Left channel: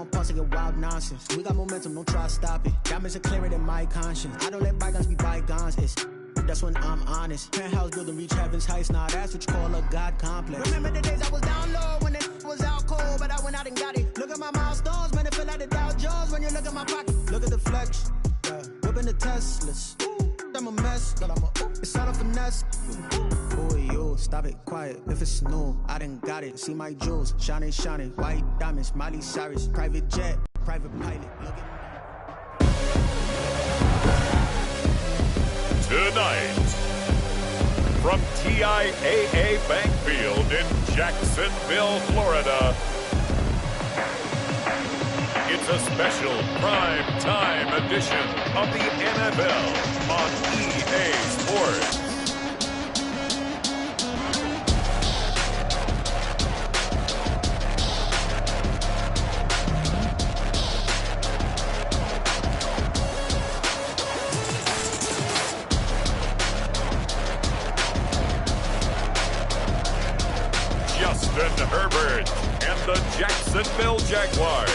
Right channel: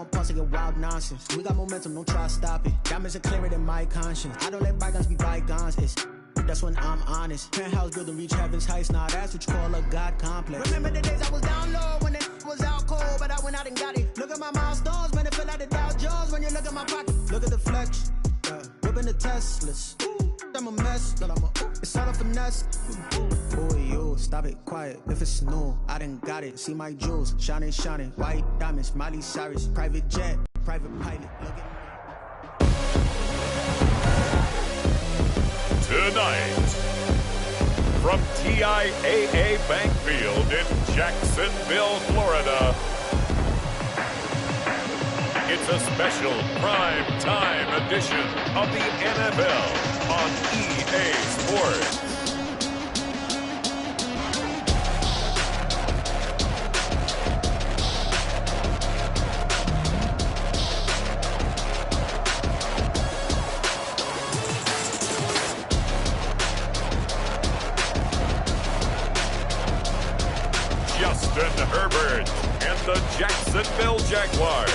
want pause to get wild nonsense. We got momentum, don't try to stop it. Diamonds are clearer than my conscience. I don't let bygones be bygones. That's when I'm honest. Penthouse building, reach heaven's heights. Nah, that's what you call a God complex. Remember the days I was down low when it was out cold, but I went out and got it. Look at my milestones, man, it feel like the Dow Jones when you look at my pocket. Look at the flex, whipping the Teslas. I'm a mess, but it's all a finesse. Boy, you stop it, quiet. If it's new, I done got it. See my jewels, shining, shining. White diamonds, Miley Cyrus, private jet, private pilot. Look at me. Tonight, from TIAA Bank Field in Jacksonville, Florida, it's a special prime time edition of the NFL on EA Sports. Justin Herbert and the Jacksonville Jaguars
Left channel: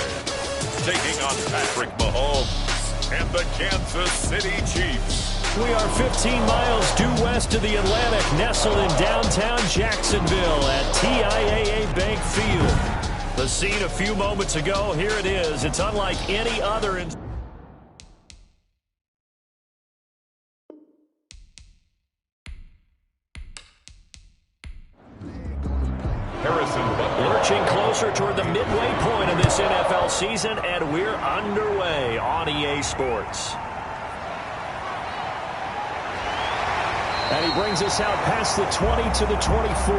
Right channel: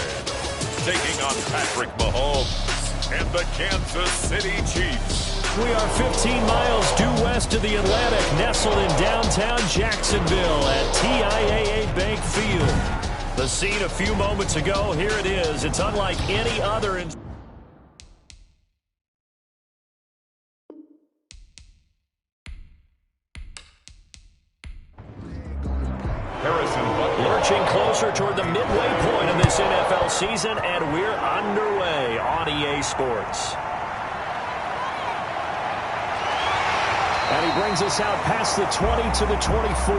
taking on Patrick Mahomes and the Kansas City Chiefs. We are 15 miles due west of the Atlantic, nestled in downtown Jacksonville at TIAA Bank Field. The scene a few moments ago, here it is. It's unlike any other in lurching closer toward the midway point of this NFL season, and we're underway on EA Sports. And he brings us out past the 20 to the 24.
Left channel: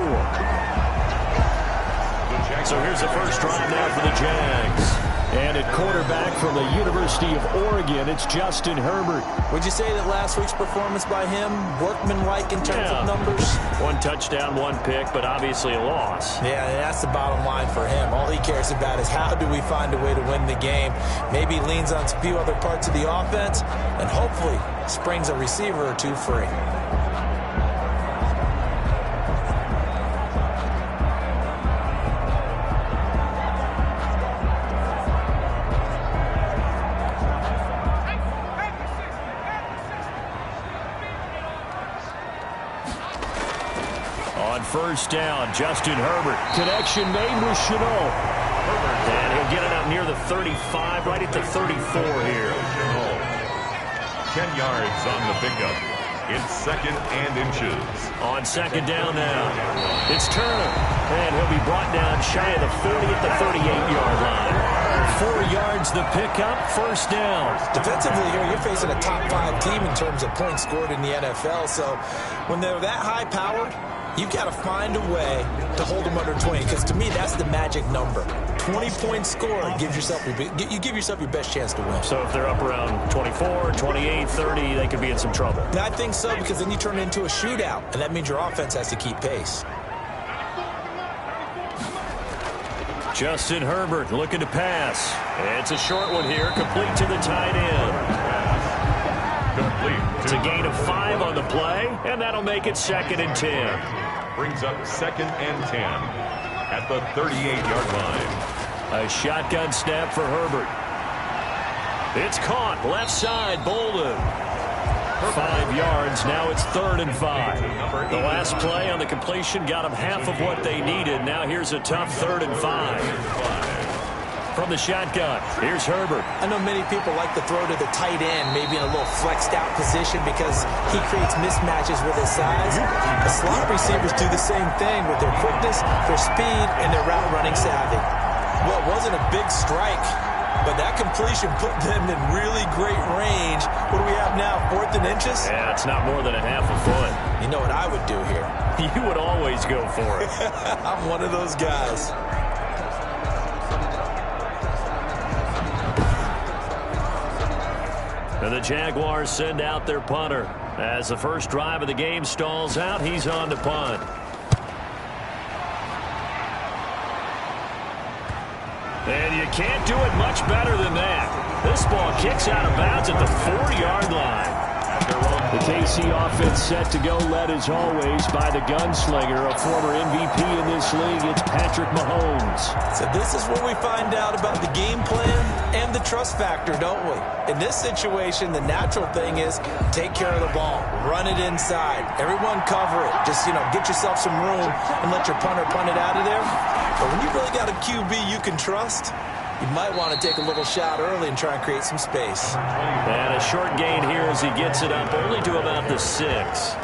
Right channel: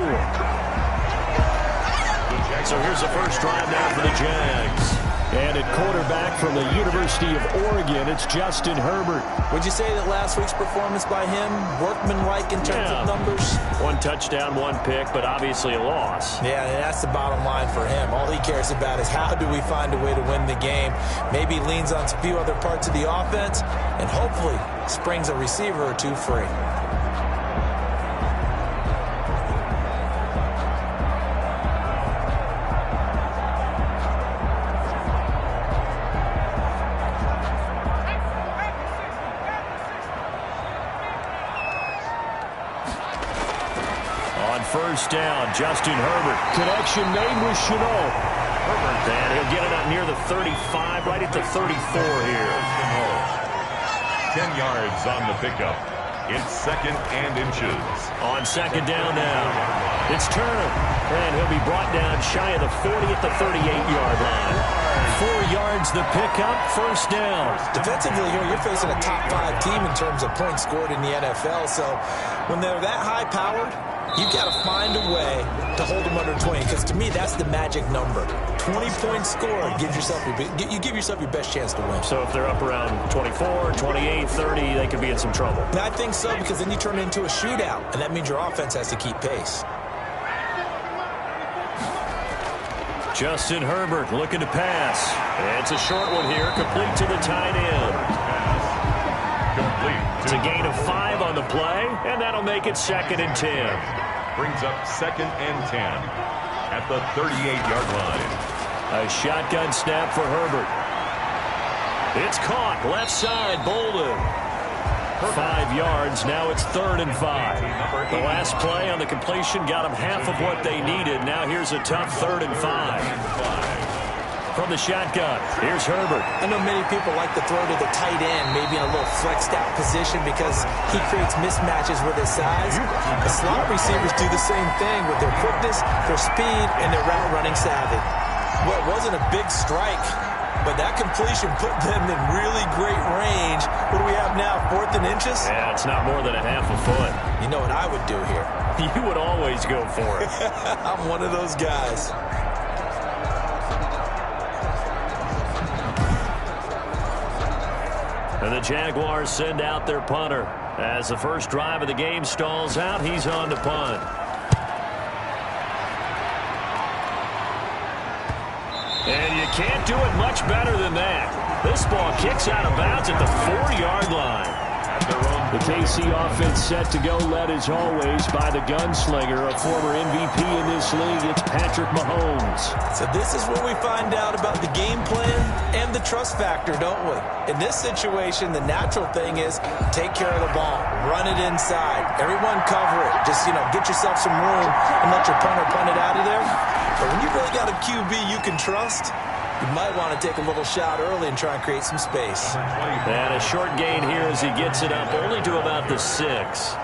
So here's the first drive now for the Jags. And at quarterback from the University of Oregon, it's Justin Herbert. Would you say that last week's performance by him, workmanlike in terms of numbers? One touchdown, one pick, but obviously a loss. Yeah, that's the bottom line for him. All he cares about is how do we find a way to win the game. Maybe leans on a few other parts of the offense, and hopefully springs a receiver or two free. First down, Justin Herbert. Connection made with Chenault. Herbert, and he'll get it up near the 35, right at the 34 here. 10 yards on the pickup. It's second and inches. On second down now, it's Turner, and he'll be brought down shy of the 40 at the 38-yard line. 4 yards the pickup, first down. Defensively here, you're facing a top 5 team in terms of points scored in the NFL, so when they're that high-powered, you've got to find a way to hold them under 20, because to me, that's the magic number. 20 points scored, you give yourself your best chance to win. So if they're up around 24, 28, 30, they could be in some trouble. And I think so, because then you turn it into a shootout, and that means your offense has to keep pace. Justin Herbert looking to pass. It's a short one here, complete to the tight end. It's a gain of 5 on the play, and that'll make it second and 10. Brings up second and 10 at the 38-yard line. A shotgun snap for Herbert. It's caught, left side, Bolden. 5 yards, now it's third and 5. The last play on the completion got them half of what they needed. Now here's a tough third and 5. From the shotgun, here's Herbert. I know many people like to throw to the tight end, maybe in a little flexed out position because he creates mismatches with his size. The slot receivers do the same thing with their quickness, their speed, and their route running savvy. Well, it wasn't a big strike, but that completion put them in really great range. What do we have now, 4th and inches? Yeah, it's not more than a half a foot. You know what I would do here? You would always go for it. I'm one of those guys. And the Jaguars send out their punter. As the first drive of the game stalls out, he's on to punt. And you can't do it much better than that. This ball kicks out of bounds at the 4-yard line. The KC offense set to go, led as always by the gunslinger, a former MVP in this league. It's Patrick Mahomes. So this is where we find out about the game plan and the trust factor, don't we? In this situation, the natural thing is take care of the ball, run it inside, everyone cover it. Just, get yourself some room and let your punter punt it out of there. But when you really got a QB you can trust, you might want to take a little shot early and try and create some space. And a short gain here as he gets it up only to about the 6.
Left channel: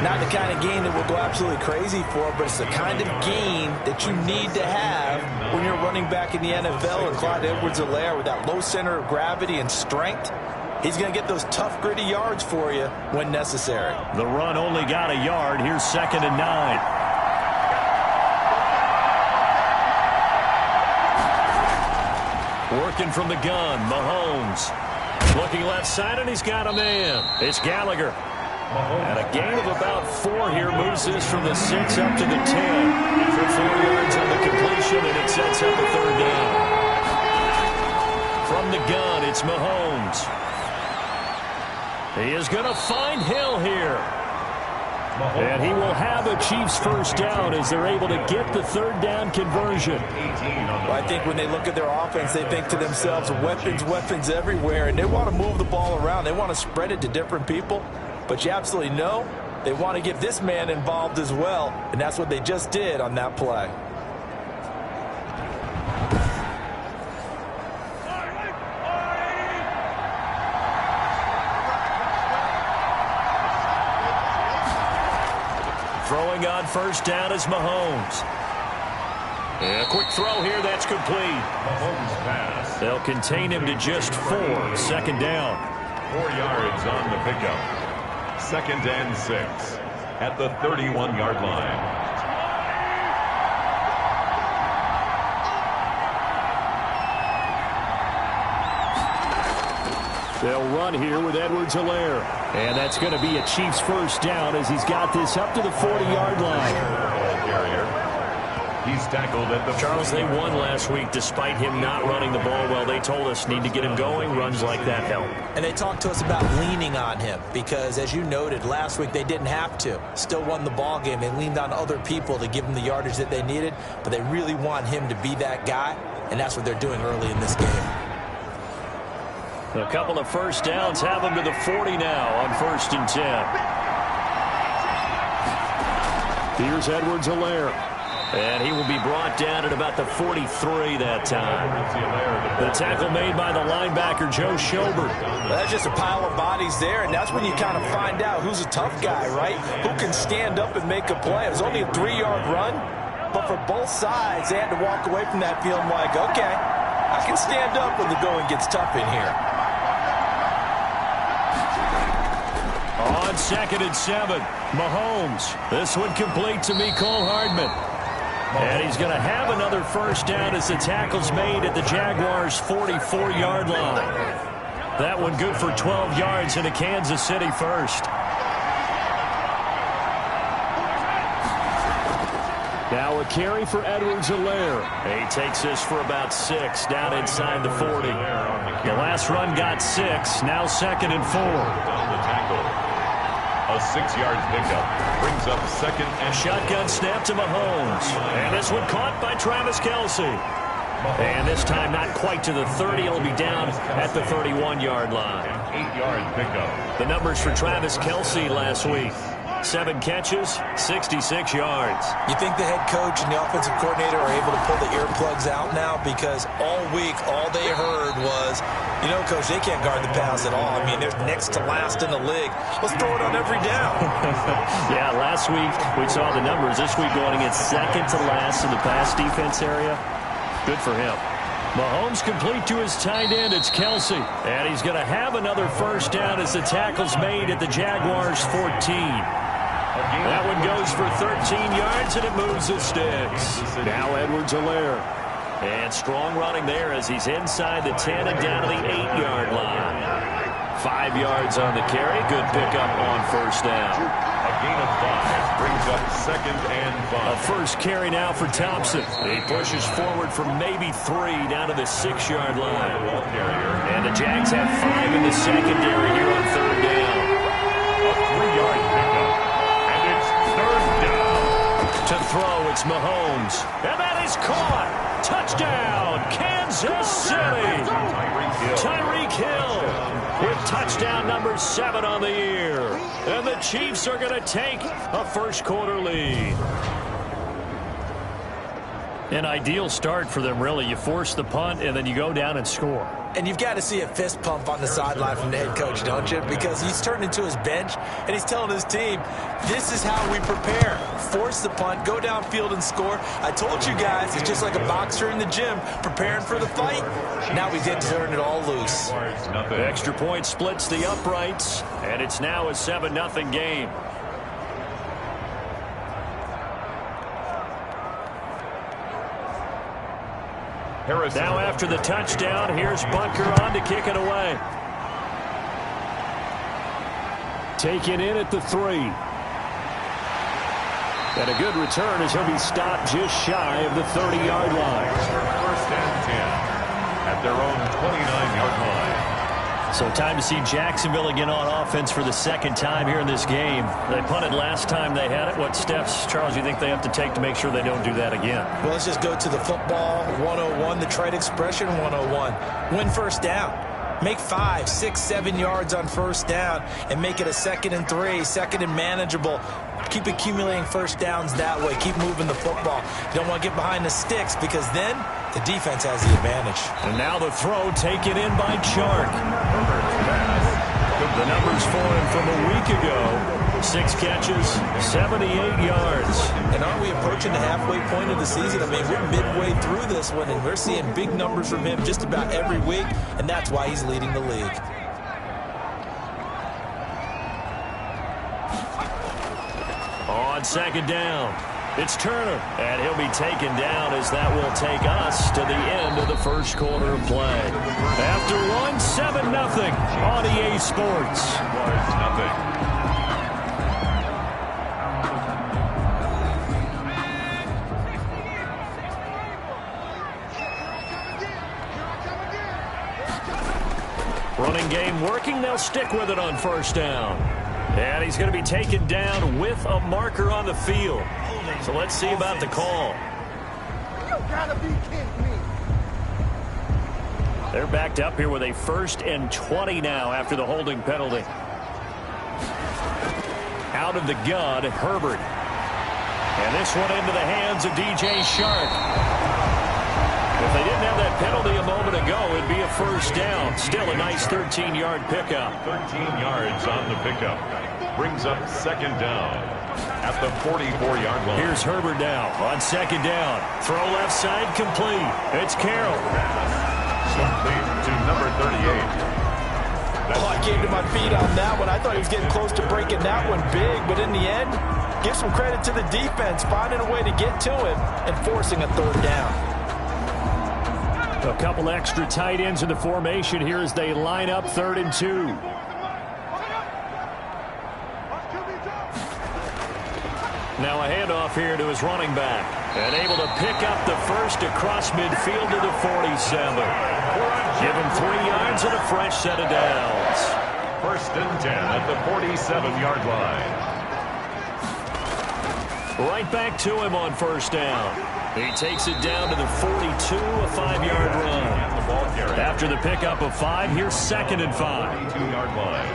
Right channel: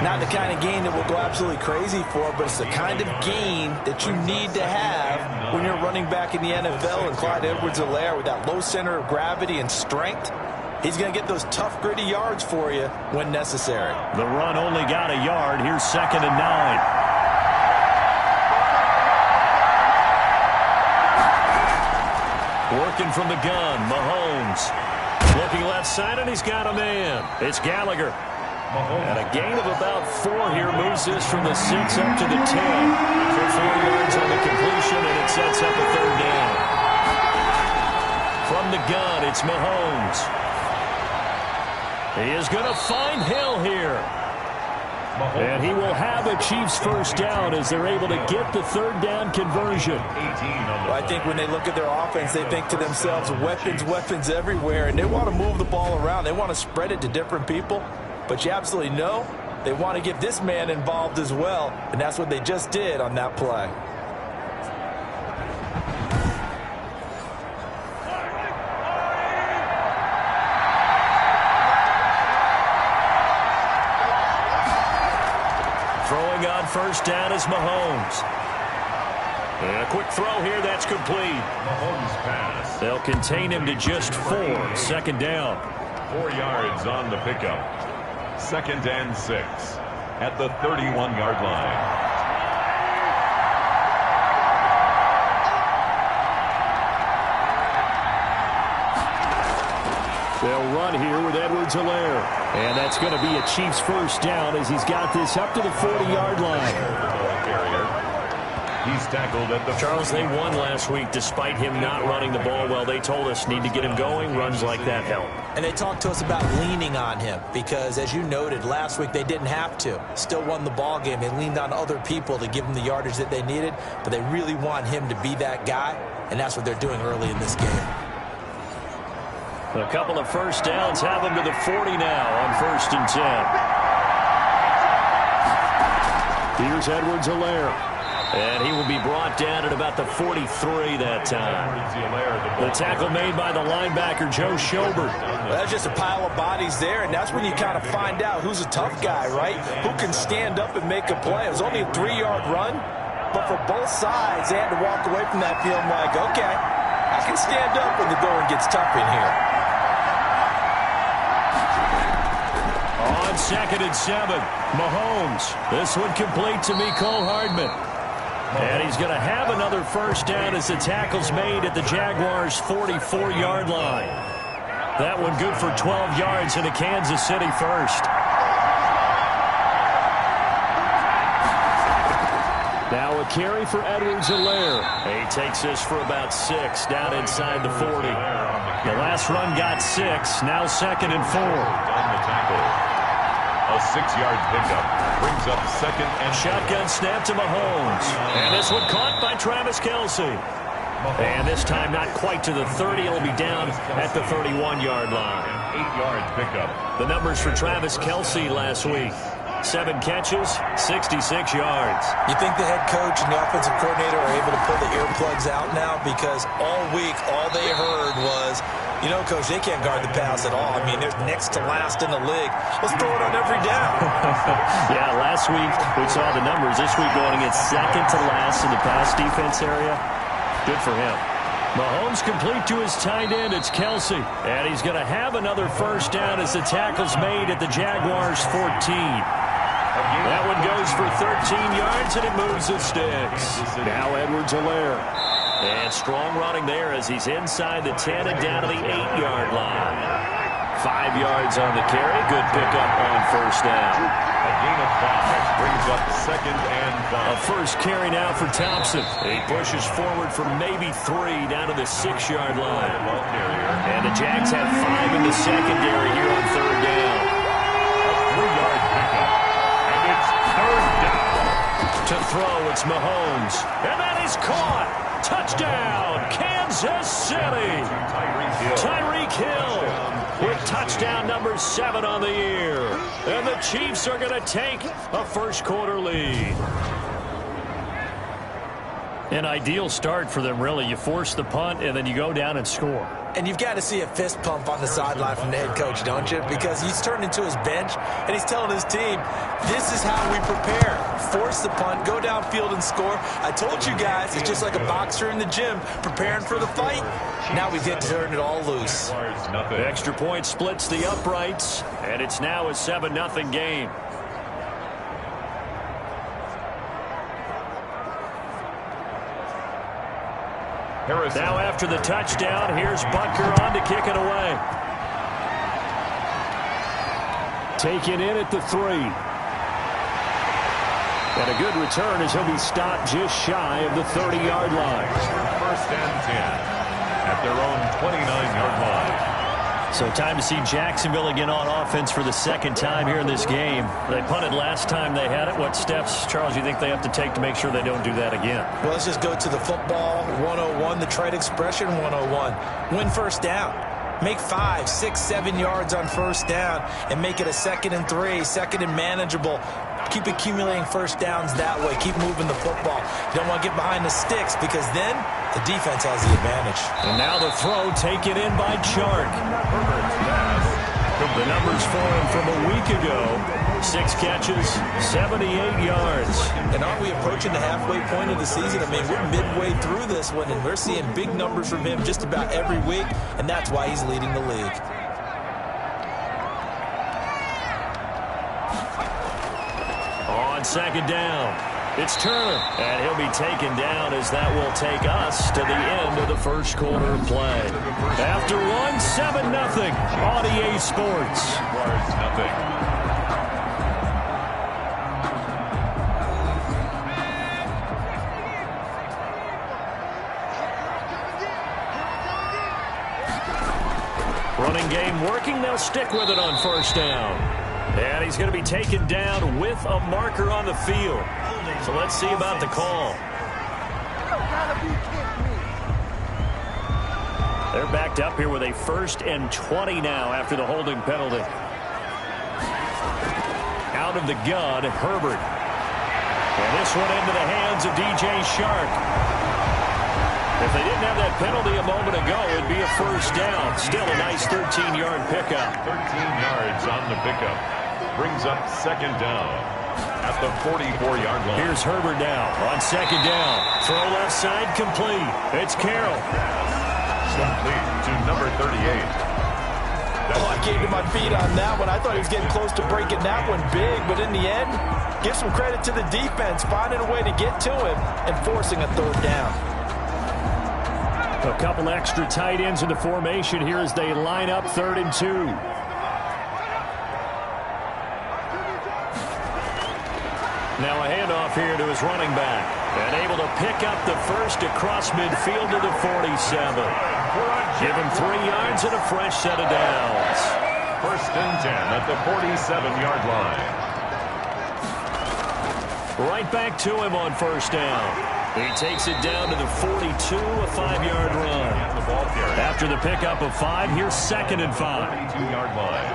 Not the kind of gain that we'll go absolutely crazy for, but it's the kind of gain that you need to have when you're running back in the NFL. And Clyde Edwards-Helaire, with that low center of gravity and strength, he's going to get those tough, gritty yards for you when necessary. The run only got a yard. Here's 2nd and 9. Working from the gun, Mahomes. Looking left side, and he's got a man. It's Gallagher. And a gain of about 4 here moves this from the 6 up to the 10. For 4 yards on the completion, and it sets up a 3rd down. From the gun, it's Mahomes. He is going to find Hill here. And he will have a Chiefs first down as they're able to get the 3rd down conversion. Well, I think when they look at their offense, they think to themselves, weapons everywhere, and they want to move the ball around. They want to spread it to different people. But you absolutely know they want to get this man involved as well, and that's what they just did on that play. Throwing on first down is Mahomes. And a quick throw here, that's complete. Mahomes pass. They'll contain him to just 4. 2nd down. 4 yards on the pickup. 2nd and 6 at the 31-yard line. They'll run here with Edwards-Helaire. And that's going to be a Chiefs first down as he's got this up to the 40-yard line. Ball carrier. He's tackled at the Charles, they won last week despite him not running the ball well. They told us need to get him going. Runs like that help. And they talked to us about leaning on him because, as you noted, last week they didn't have to. Still won the ball game. They leaned on other people to give them the yardage that they needed, but they really want him to be that guy, and that's what they're doing early in this game. A couple of first downs have him to the 40 now on 1st and 10. Here's Edwards-Helaire. And he will be brought down at about the 43 that time. The tackle made by the linebacker, Joe Schobert. Well, that's just a pile of bodies there, and that's when you kind of find out who's a tough guy, right? Who can stand up and make a play. It was only a 3-yard run, but for both sides, they had to walk away from that feeling like, okay, I can stand up when the going gets tough in here. On 2nd and 7, Mahomes. This one complete to Mecole Hardman. And he's going to have another first down as the tackle's made at the Jaguars' 44-yard line. That one good for 12 yards into Kansas City first. Now a carry for Edwards-Helaire. He takes this for about 6 down inside the 40. The last run got 6. Now 2nd and 4. Down the tackle. A 6-yard pickup brings up 2nd and shotgun snap to Mahomes. And this one caught by Travis Kelce. And this time not quite to the 30. It'll be down at the 31-yard line. An 8-yard pickup. The numbers for Travis Kelce last week. 7 catches, 66 yards. You think the head coach and the offensive coordinator are able to pull the earplugs out now? Because all week, all they heard was, Coach, they can't guard the pass at all. I mean, they're next to last in the league. Let's throw it on every down. Yeah, last week we saw the numbers. This week going against 2nd to last in the pass defense area. Good for him. Mahomes complete to his tight end. It's Kelce. And he's going to have another first down as the tackle's made at the Jaguars' 14. That one goes for 13 yards, and it moves the sticks. Now Edwards-Helaire. And strong running there as he's inside the 10 and down to the 8-yard line. 5 yards on the carry. Good pickup on first down. A gain of 5. Brings up 2nd and 5. A first carry now for Thompson. He pushes forward for maybe 3 down to the 6-yard line. And the Jags have 5 in the secondary here on 3rd down. A 3-yard pickup. And it's 3rd down. To throw, it's Mahomes. And that is caught. Touchdown, Kansas City. Tyreek Hill with touchdown number 7 on the year. And the Chiefs are going to take a first-quarter lead. An ideal start for them, really. You force the punt, and then you go down and score. And you've got to see a fist pump on the sideline from the head coach, don't you? Because he's turned into his bench, and he's telling his team, this is how we prepare. Force the punt, go downfield and score. I told you guys, it's just like a boxer in the gym preparing for the fight. Now we get to turn it all loose. The extra point splits the uprights, and it's now a 7-0 game. Now after the touchdown, here's Bunker on to kick it away. Taken in at the 3. And a good return as he'll be stopped just shy of the 30-yard line. 1st and 10 at their own 29-yard line. So time to see Jacksonville again on offense for the 2nd time here in this game. They punted last time they had it. What steps, Charles, you think they have to take to make sure they don't do that again? Well, let's just go to the football 101, the trade expression 101. Win 1st down. Make 5, 6, 7 yards on 1st down and make it a 2nd and 3, 2nd and manageable. Keep accumulating 1st downs that way. Keep moving the football. You don't want to get behind the sticks because then the defense has the advantage. And now the throw taken in by Chark. The numbers for him from a week ago. 6 catches, 78 yards. And aren't we approaching the halfway point of the season? I mean, we're midway through this one, and we're seeing big numbers from him just about every week, and that's why he's leading the league. On 2nd down, it's Turner, and he'll be taken down as that will take us to the end of the first quarter of play. After one, 7-0 on EA Sports. Nothing. Running game working, they'll stick with it on 1st down. And he's going to be taken down with a marker on the field. So let's see about the call. They're backed up here with a 1st and 20 now after the holding penalty. Out of the gun, Herbert. And this one into the hands of DJ Shark. If they didn't have that penalty a moment ago, it'd be a 1st down. Still a nice 13-yard pickup. 13 yards on the pickup. Brings up 2nd down at the 44-yard line. Here's Herbert now on 2nd down. Throw left side complete. It's Carroll. Complete to number 38. I came to my feet on that one. I thought he was getting close to breaking that one big, but in the end, give some credit to the defense, finding a way to get to him and forcing a 3rd down. A couple extra tight ends in the formation here as they line up 3rd and 2. Now a handoff here to his running back. And able to pick up the first across midfield to the 47. Give him 3 yards and a fresh set of downs. 1st and 10 at the 47-yard line. Right back to him on 1st down. He takes it down to the 42, a 5-yard run. After the pickup of 5, here's 2nd and 5. 42-yard line.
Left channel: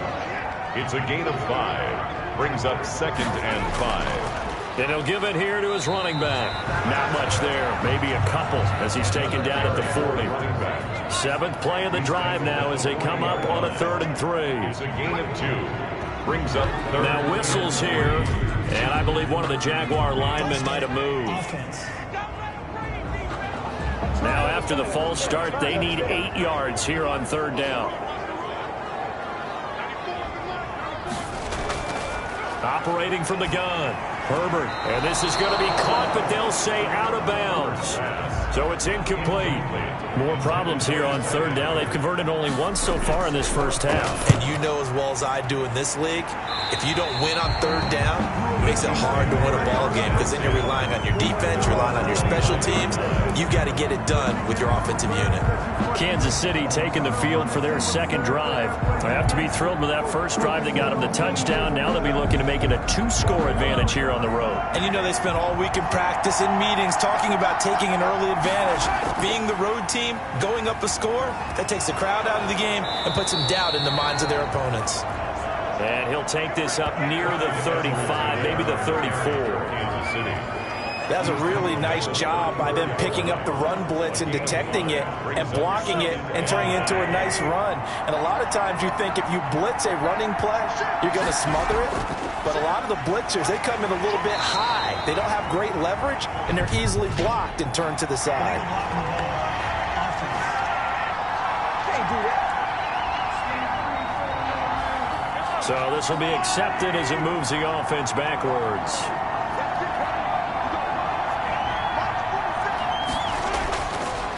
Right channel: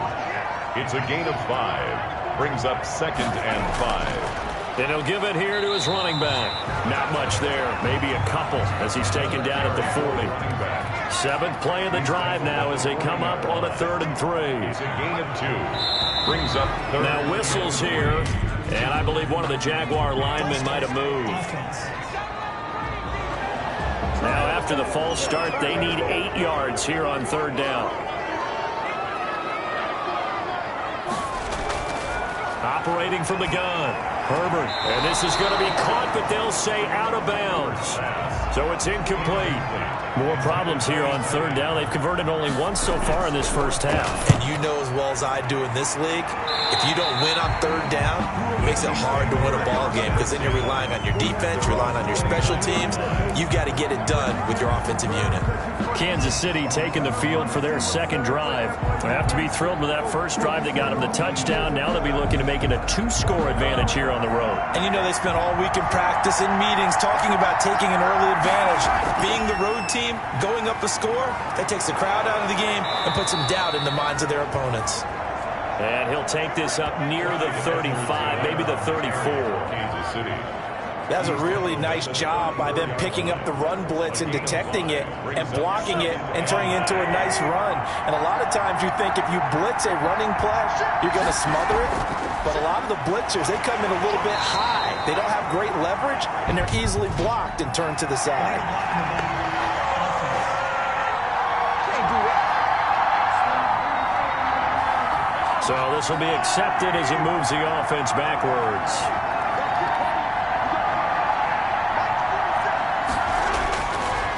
It's a gain of 5. Brings up 2nd and 5. And he'll give it here to his running back. Not much there. Maybe a couple as he's taken down at the 40. 7th play of the drive now as they come up on a 3rd and 3. It's a gain of 2. Brings up 3rd. Now whistles here. And I believe one of the Jaguar linemen might have moved. Now after the false start, they need 8 yards here on 3rd down. Operating from the gun. Herbert, and this is going to be caught, but they'll say out of bounds. So it's incomplete. More problems here on 3rd down. They've converted only once so far in this first half. And you know as well as I do in this league, if you don't win on 3rd down, make makes it hard to win a ball game because then you're relying on your defense, relying on your special teams. You've got to get it done with your offensive unit. Kansas City taking the field for their second drive. They have to be thrilled with that first drive that got them the touchdown. Now they'll be looking to make it a 2-score advantage here on the road. And you know they spent all week in practice, in meetings, talking about taking an early advantage. Being the road team, going up a score, that takes the crowd out of the game and puts some doubt in the minds of their opponents. And he'll take this up near the 35, maybe the 34. Kansas City. That was a really nice job by them picking up the run blitz and detecting it and blocking it and turning it into a nice run. And a lot of times you think if you blitz a running play, you're going to smother it. But a lot of the blitzers, they come in a little bit high. They don't have great leverage, and they're easily blocked and turned to the side. So this will be accepted as it moves the offense backwards.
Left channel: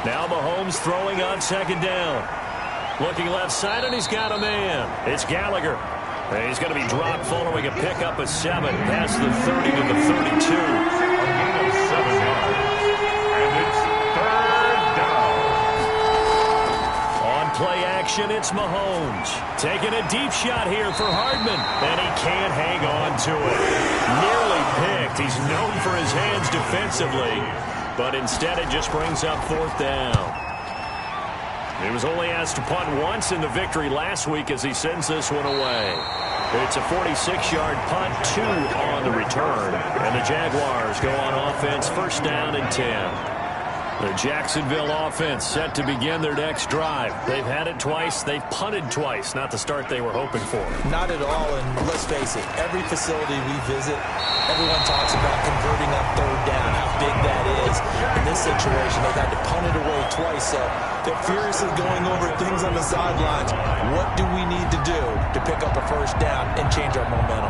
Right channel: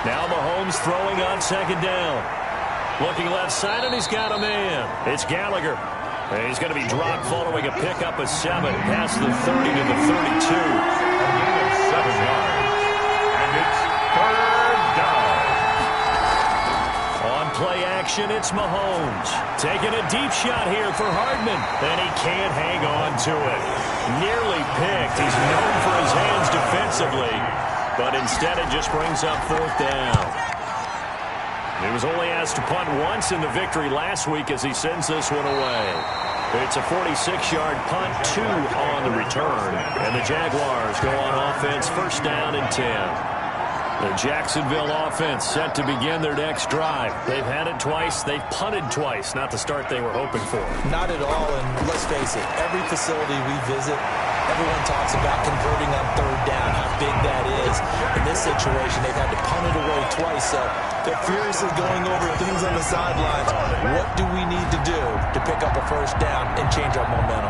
Now Mahomes throwing on second down. Looking left side, and he's got a man. It's Gallagher. And he's going to be dropped following a pickup of 7 past the 30 to the 32. A gain of 7 yards. And it's third down. On play action, it's Mahomes. Taking a deep shot here for Hardman. And he can't hang on to it. Nearly picked. He's known for his hands defensively. But instead it just brings up fourth down. He was only asked to punt once in the victory last week as he sends this one away. It's a 46-yard punt, 2 on the return. And the Jaguars go on offense, first down and 10. The Jacksonville offense set to begin their next drive. They've had it twice. They've punted twice. Not the start they were hoping for. Not at all, and let's face it, every facility we visit, everyone talks about converting on third down, how big that is. In this situation, they've had to punt it away twice, so they're furiously going over things on the sidelines. What do we need to do to pick up a first down and change our momentum?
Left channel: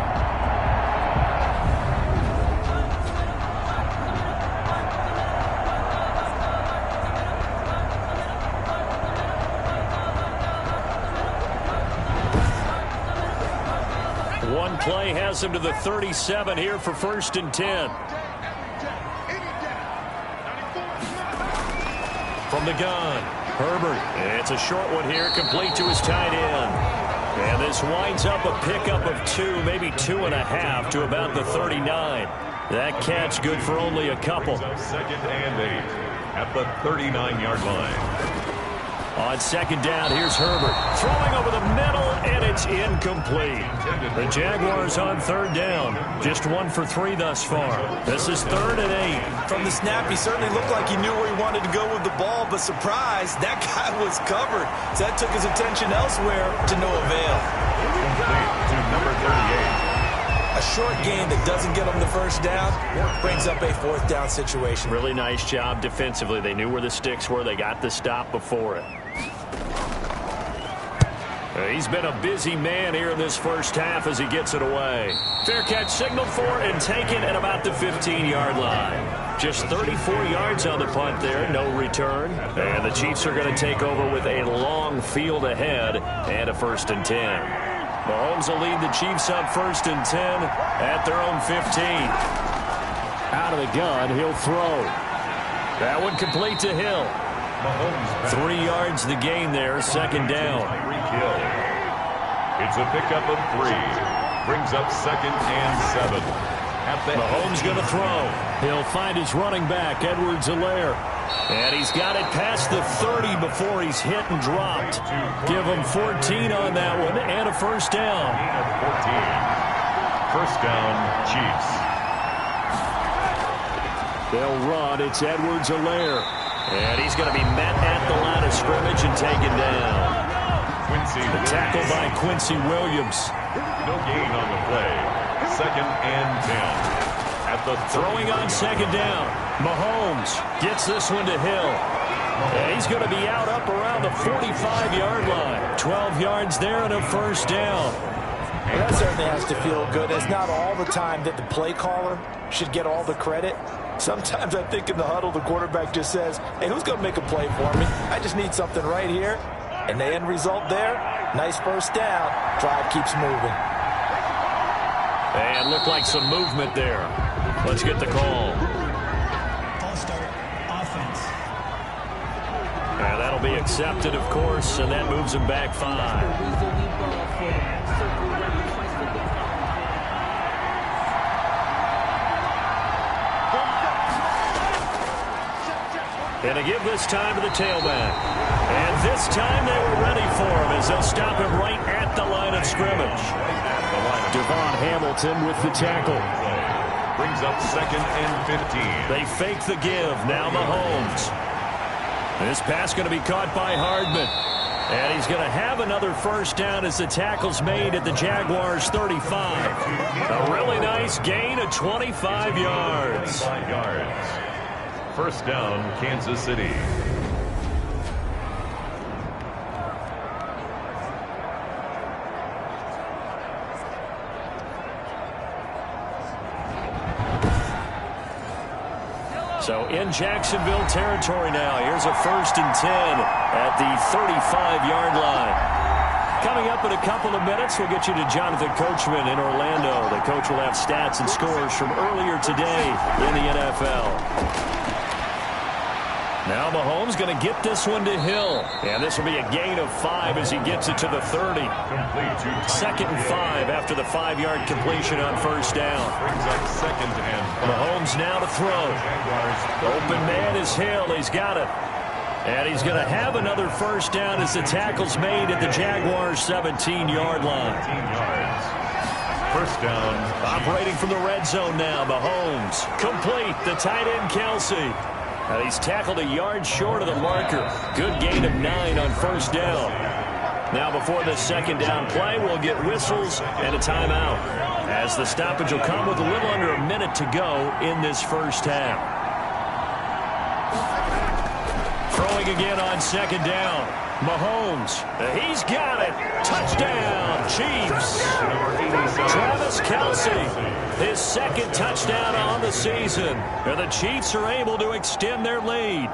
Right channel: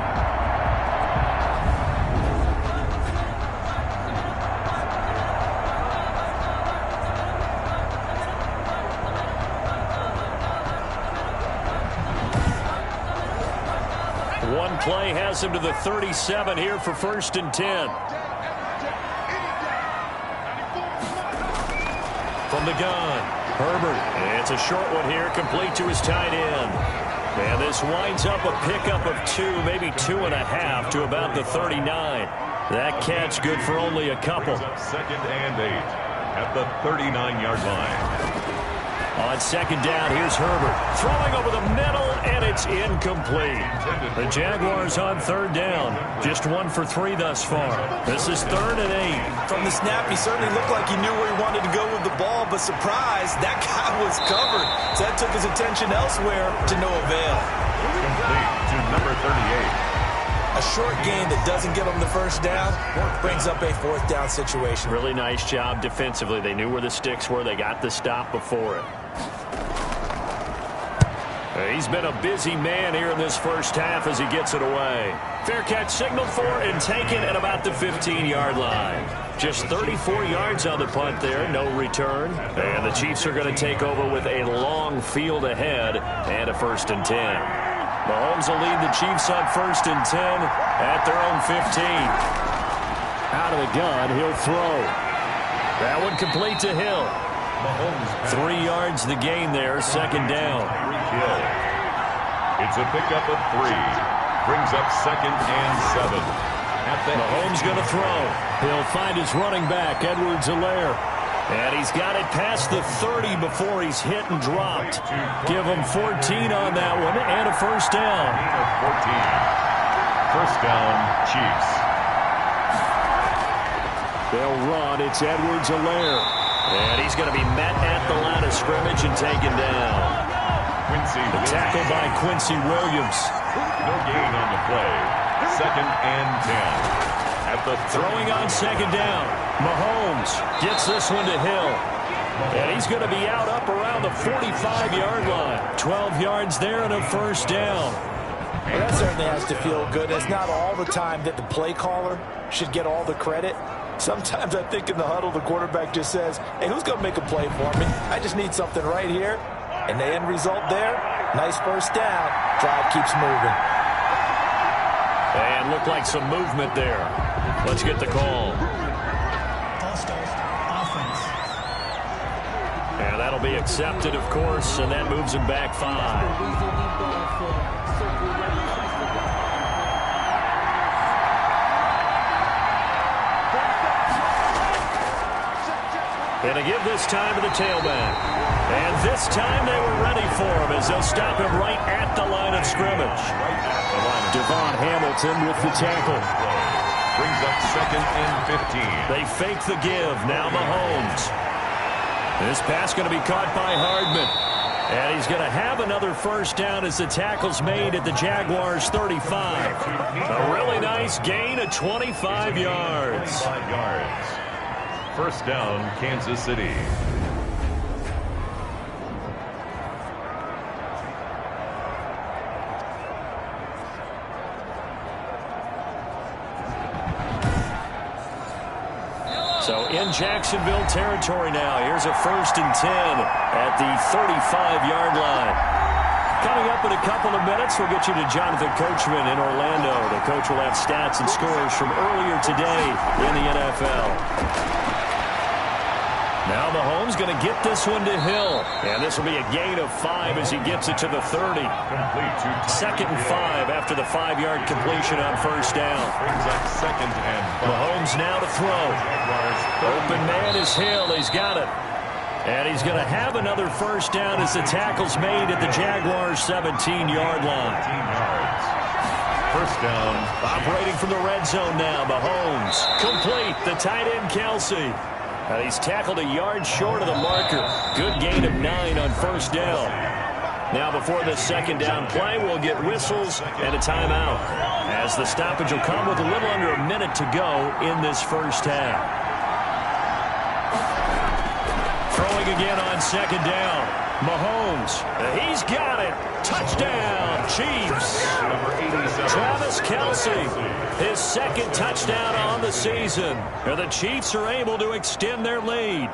One play has him to the 37 here for first and 10. From the gun, Herbert. It's a short one here, complete to his tight end. And this winds up a pickup of 2, maybe 2.5 to about the 39. That catch good for only a couple. Second and 8 at the 39-yard line. On second down, here's Herbert. Throwing over the middle, and it's incomplete. The Jaguars on third down. Just 1 for 3 thus far. This is third and 8. From the snap, he certainly looked like he knew where he wanted to go with the ball, but surprise, that guy was covered. So that took his attention elsewhere to no avail. Complete to number 38. A short gain that doesn't get them the first down brings up a fourth down situation. Really nice job defensively. They knew where the sticks were. They got the stop before it. He's been a busy man here in this first half as he gets it away. Fair catch signaled for and taken at about the 15-yard line. Just 34 yards on the punt there, no return. And the Chiefs are going to take over with a long field ahead and a first and 10. Mahomes will lead the Chiefs on first and 10 at their own 15. Out of the gun, he'll throw. That one complete to Hill. Mahomes 3 yards the gain there, second down. Kill. It's a pickup of 3. Brings up second and 7. At the Mahomes going to throw. He'll find his running back, Edwards-Helaire. And he's got it past the 30 before he's hit and dropped. Give him 14 on that one and a first down. Gain of 14. First down, Chiefs. They'll run. It's Edwards-Helaire. And he's going to be met at the line of scrimmage and taken down. The tackle by Quincy Williams. No gain on the play. Second and 10. At the throwing on second down. Mahomes gets this one to Hill. And he's going to be out up around the 45-yard line. 12 yards there and a first down. Well, that certainly has to feel good. It's not all the time that the play caller should get all the credit. Sometimes I think in the huddle, the quarterback just says, hey, who's going to make a play for me? I just need something right here. And the end result there, nice first down. Drive keeps moving. And looked like some movement there. Let's get the call. False start, offense. And that'll be accepted, of course, and that moves him back 5. And to give this time to the tailback. And this time they were ready for him as they'll stop him right at the line of scrimmage. Devon Hamilton with the tackle. Brings up 2nd and 15. They fake the give. Now Mahomes. This pass going to be caught by Hardman. And he's going to have another first down as the tackle's made at the Jaguars' 35. A really nice gain of 25 yards. 25 yards. First down, Kansas City. So in Jacksonville territory now. Here's a 1st and 10 at the 35-yard line. Coming up in a couple of minutes, we'll get you to Jonathan Coachman in Orlando. The coach will have stats and scores from earlier today in the NFL. Now Mahomes going to get this one to Hill. And this will be a gain of 5 as he gets it to the 30. Complete to 2nd and 5 after the 5-yard completion on first down. Brings up 2nd and 5. Mahomes now to throw. Open man is Hill. He's got it. And he's going to have another first down as the tackle's made at the Jaguars' 17-yard line. 17 yards. First down. Operating from the red zone now. Mahomes complete. The tight end Kelsey. And he's tackled a yard short of the marker. Good gain of 9 on first down. Now before this second down play, we'll get whistles and a timeout, as the stoppage will come with a little under a minute to go in this first half. Throwing again on second down. Mahomes, he's got it. Touchdown, Chiefs. Number 87. Travis Kelce, his 2nd touchdown on the season. And the Chiefs are able to extend their lead.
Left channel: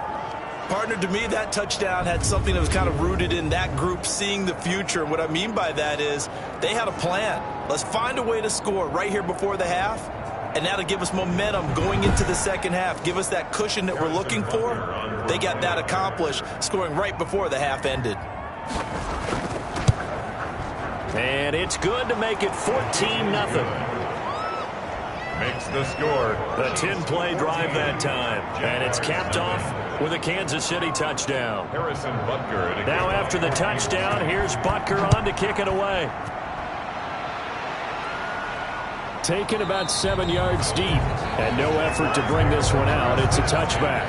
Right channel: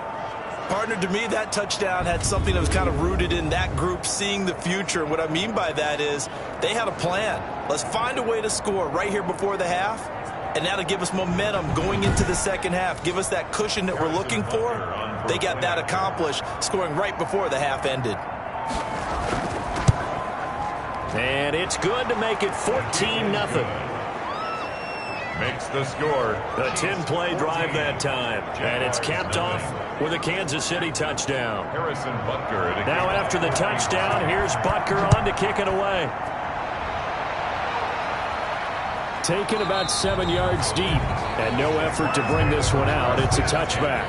Partner, to me, that touchdown had something that was kind of rooted in that group seeing the future. What I mean by that is they had a plan. Let's find a way to score right here before the half. And that'll give us momentum going into the second half. Give us that cushion that we're looking for. They got that accomplished, scoring right before the half ended. And it's good to make it 14-0. Makes the score. A 10-play drive that time. And it's capped off with a Kansas City touchdown. Harrison Butker. Now after the touchdown, here's Butker on to kick it away. Taken about 7 yards deep, and no effort to bring this one out. It's a touchback.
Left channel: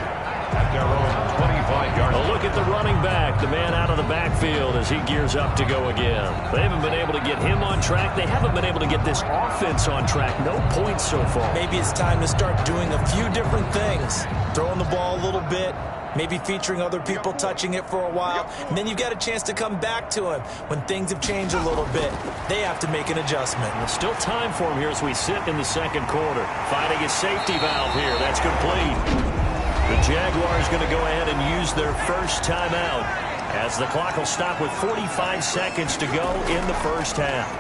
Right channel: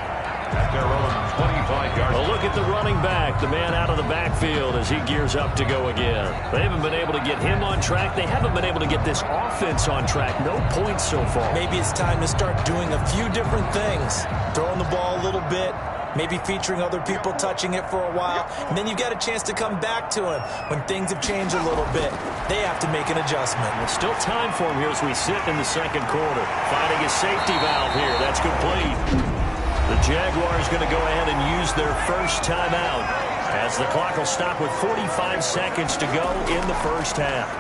At their own 25-yard line. A look at the running back, the man out of the backfield as he gears up to go again. They haven't been able to get him on track. They haven't been able to get this offense on track. No points so far. Maybe it's time to start doing a few different things. Throwing the ball a little bit, maybe featuring other people touching it for a while, and then you've got a chance to come back to him when things have changed a little bit. They have to make an adjustment. Well, still time for him here as we sit in the second quarter. Finding his safety valve here. That's complete. The Jaguars going to go ahead and use their first timeout as the clock will stop with 45 seconds to go in the first half.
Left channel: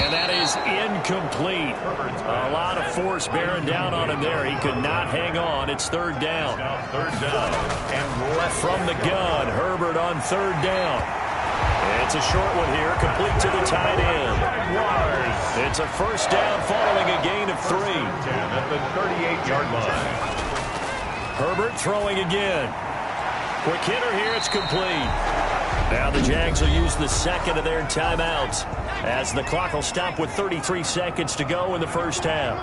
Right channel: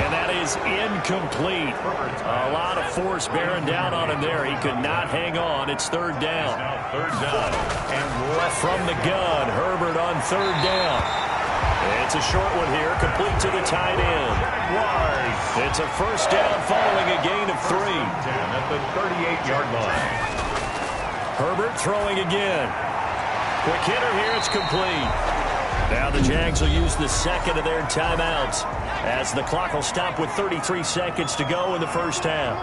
And that is incomplete. A lot of force bearing down on him there. He could not hang on. It's third down. Now third down. And left from the gun. Herbert on third down. It's a short one here, complete to the tight end. Jaguars. It's a first down following a gain of 3. 10 at the 38-yard line. Herbert throwing again. Quick hitter here, it's complete. Now the Jags will use the second of their timeouts as the clock will stop with 33 seconds to go in the first half.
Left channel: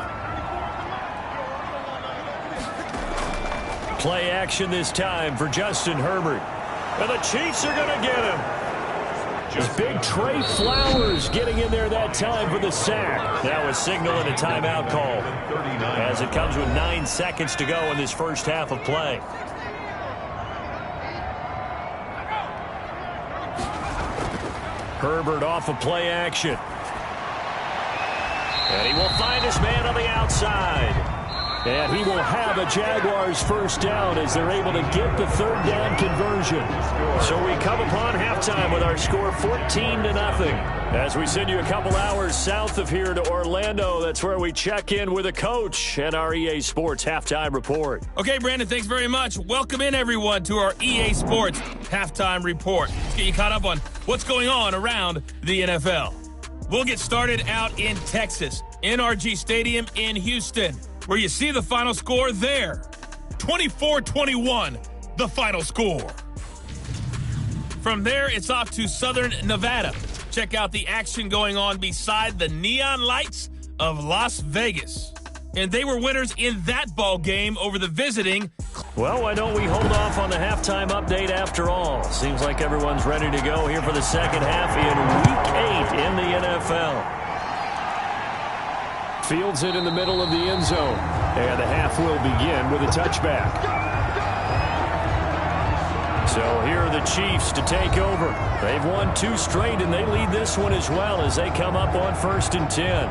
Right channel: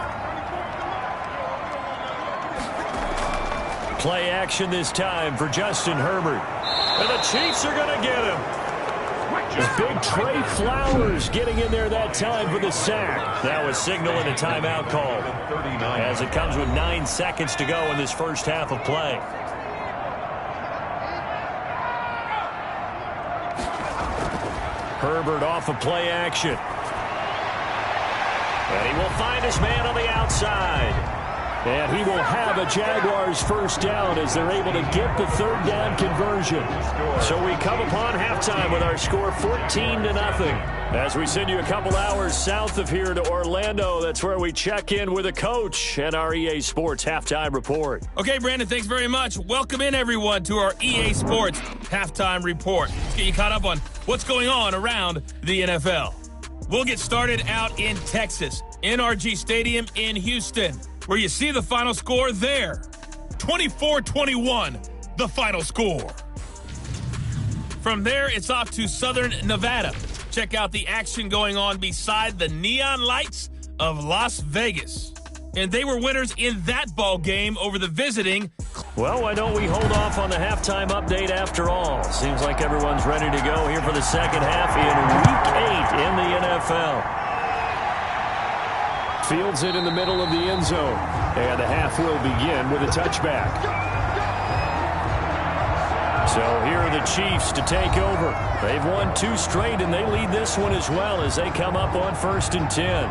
Play action this time for Justin Herbert. And the Chiefs are going to get him. Big Trey Flowers getting in there that time for the sack. That was signaling a timeout call as it comes with 9 seconds to go in this first half of play. Herbert off of play action. And he will find his man on the outside. And he will have a Jaguars first down as they're able to get the third down conversion. So we come upon halftime with our score 14-0. As we send you a couple hours south of here to Orlando, that's where we check in with a coach and our EA Sports Halftime Report. Okay, Brandon, thanks very much. Welcome in, everyone, to our EA Sports Halftime Report. Let's get you caught up on what's going on around the NFL. We'll get started out in Texas, NRG Stadium in Houston, where you see the final score there. 24-21, the final score. From there, it's off to Southern Nevada. Check out the action going on beside the neon lights of Las Vegas. And they were winners in that ball game over the visiting. Well, why don't we hold off on the halftime update after all? Seems like everyone's ready to go here for the second half in Week 8 in the NFL. Fields it in the middle of the end zone. And the half will begin with a touchback. So here are the Chiefs to take over. They've won 2 straight, and they lead this one as well as they come up on 1st and 10.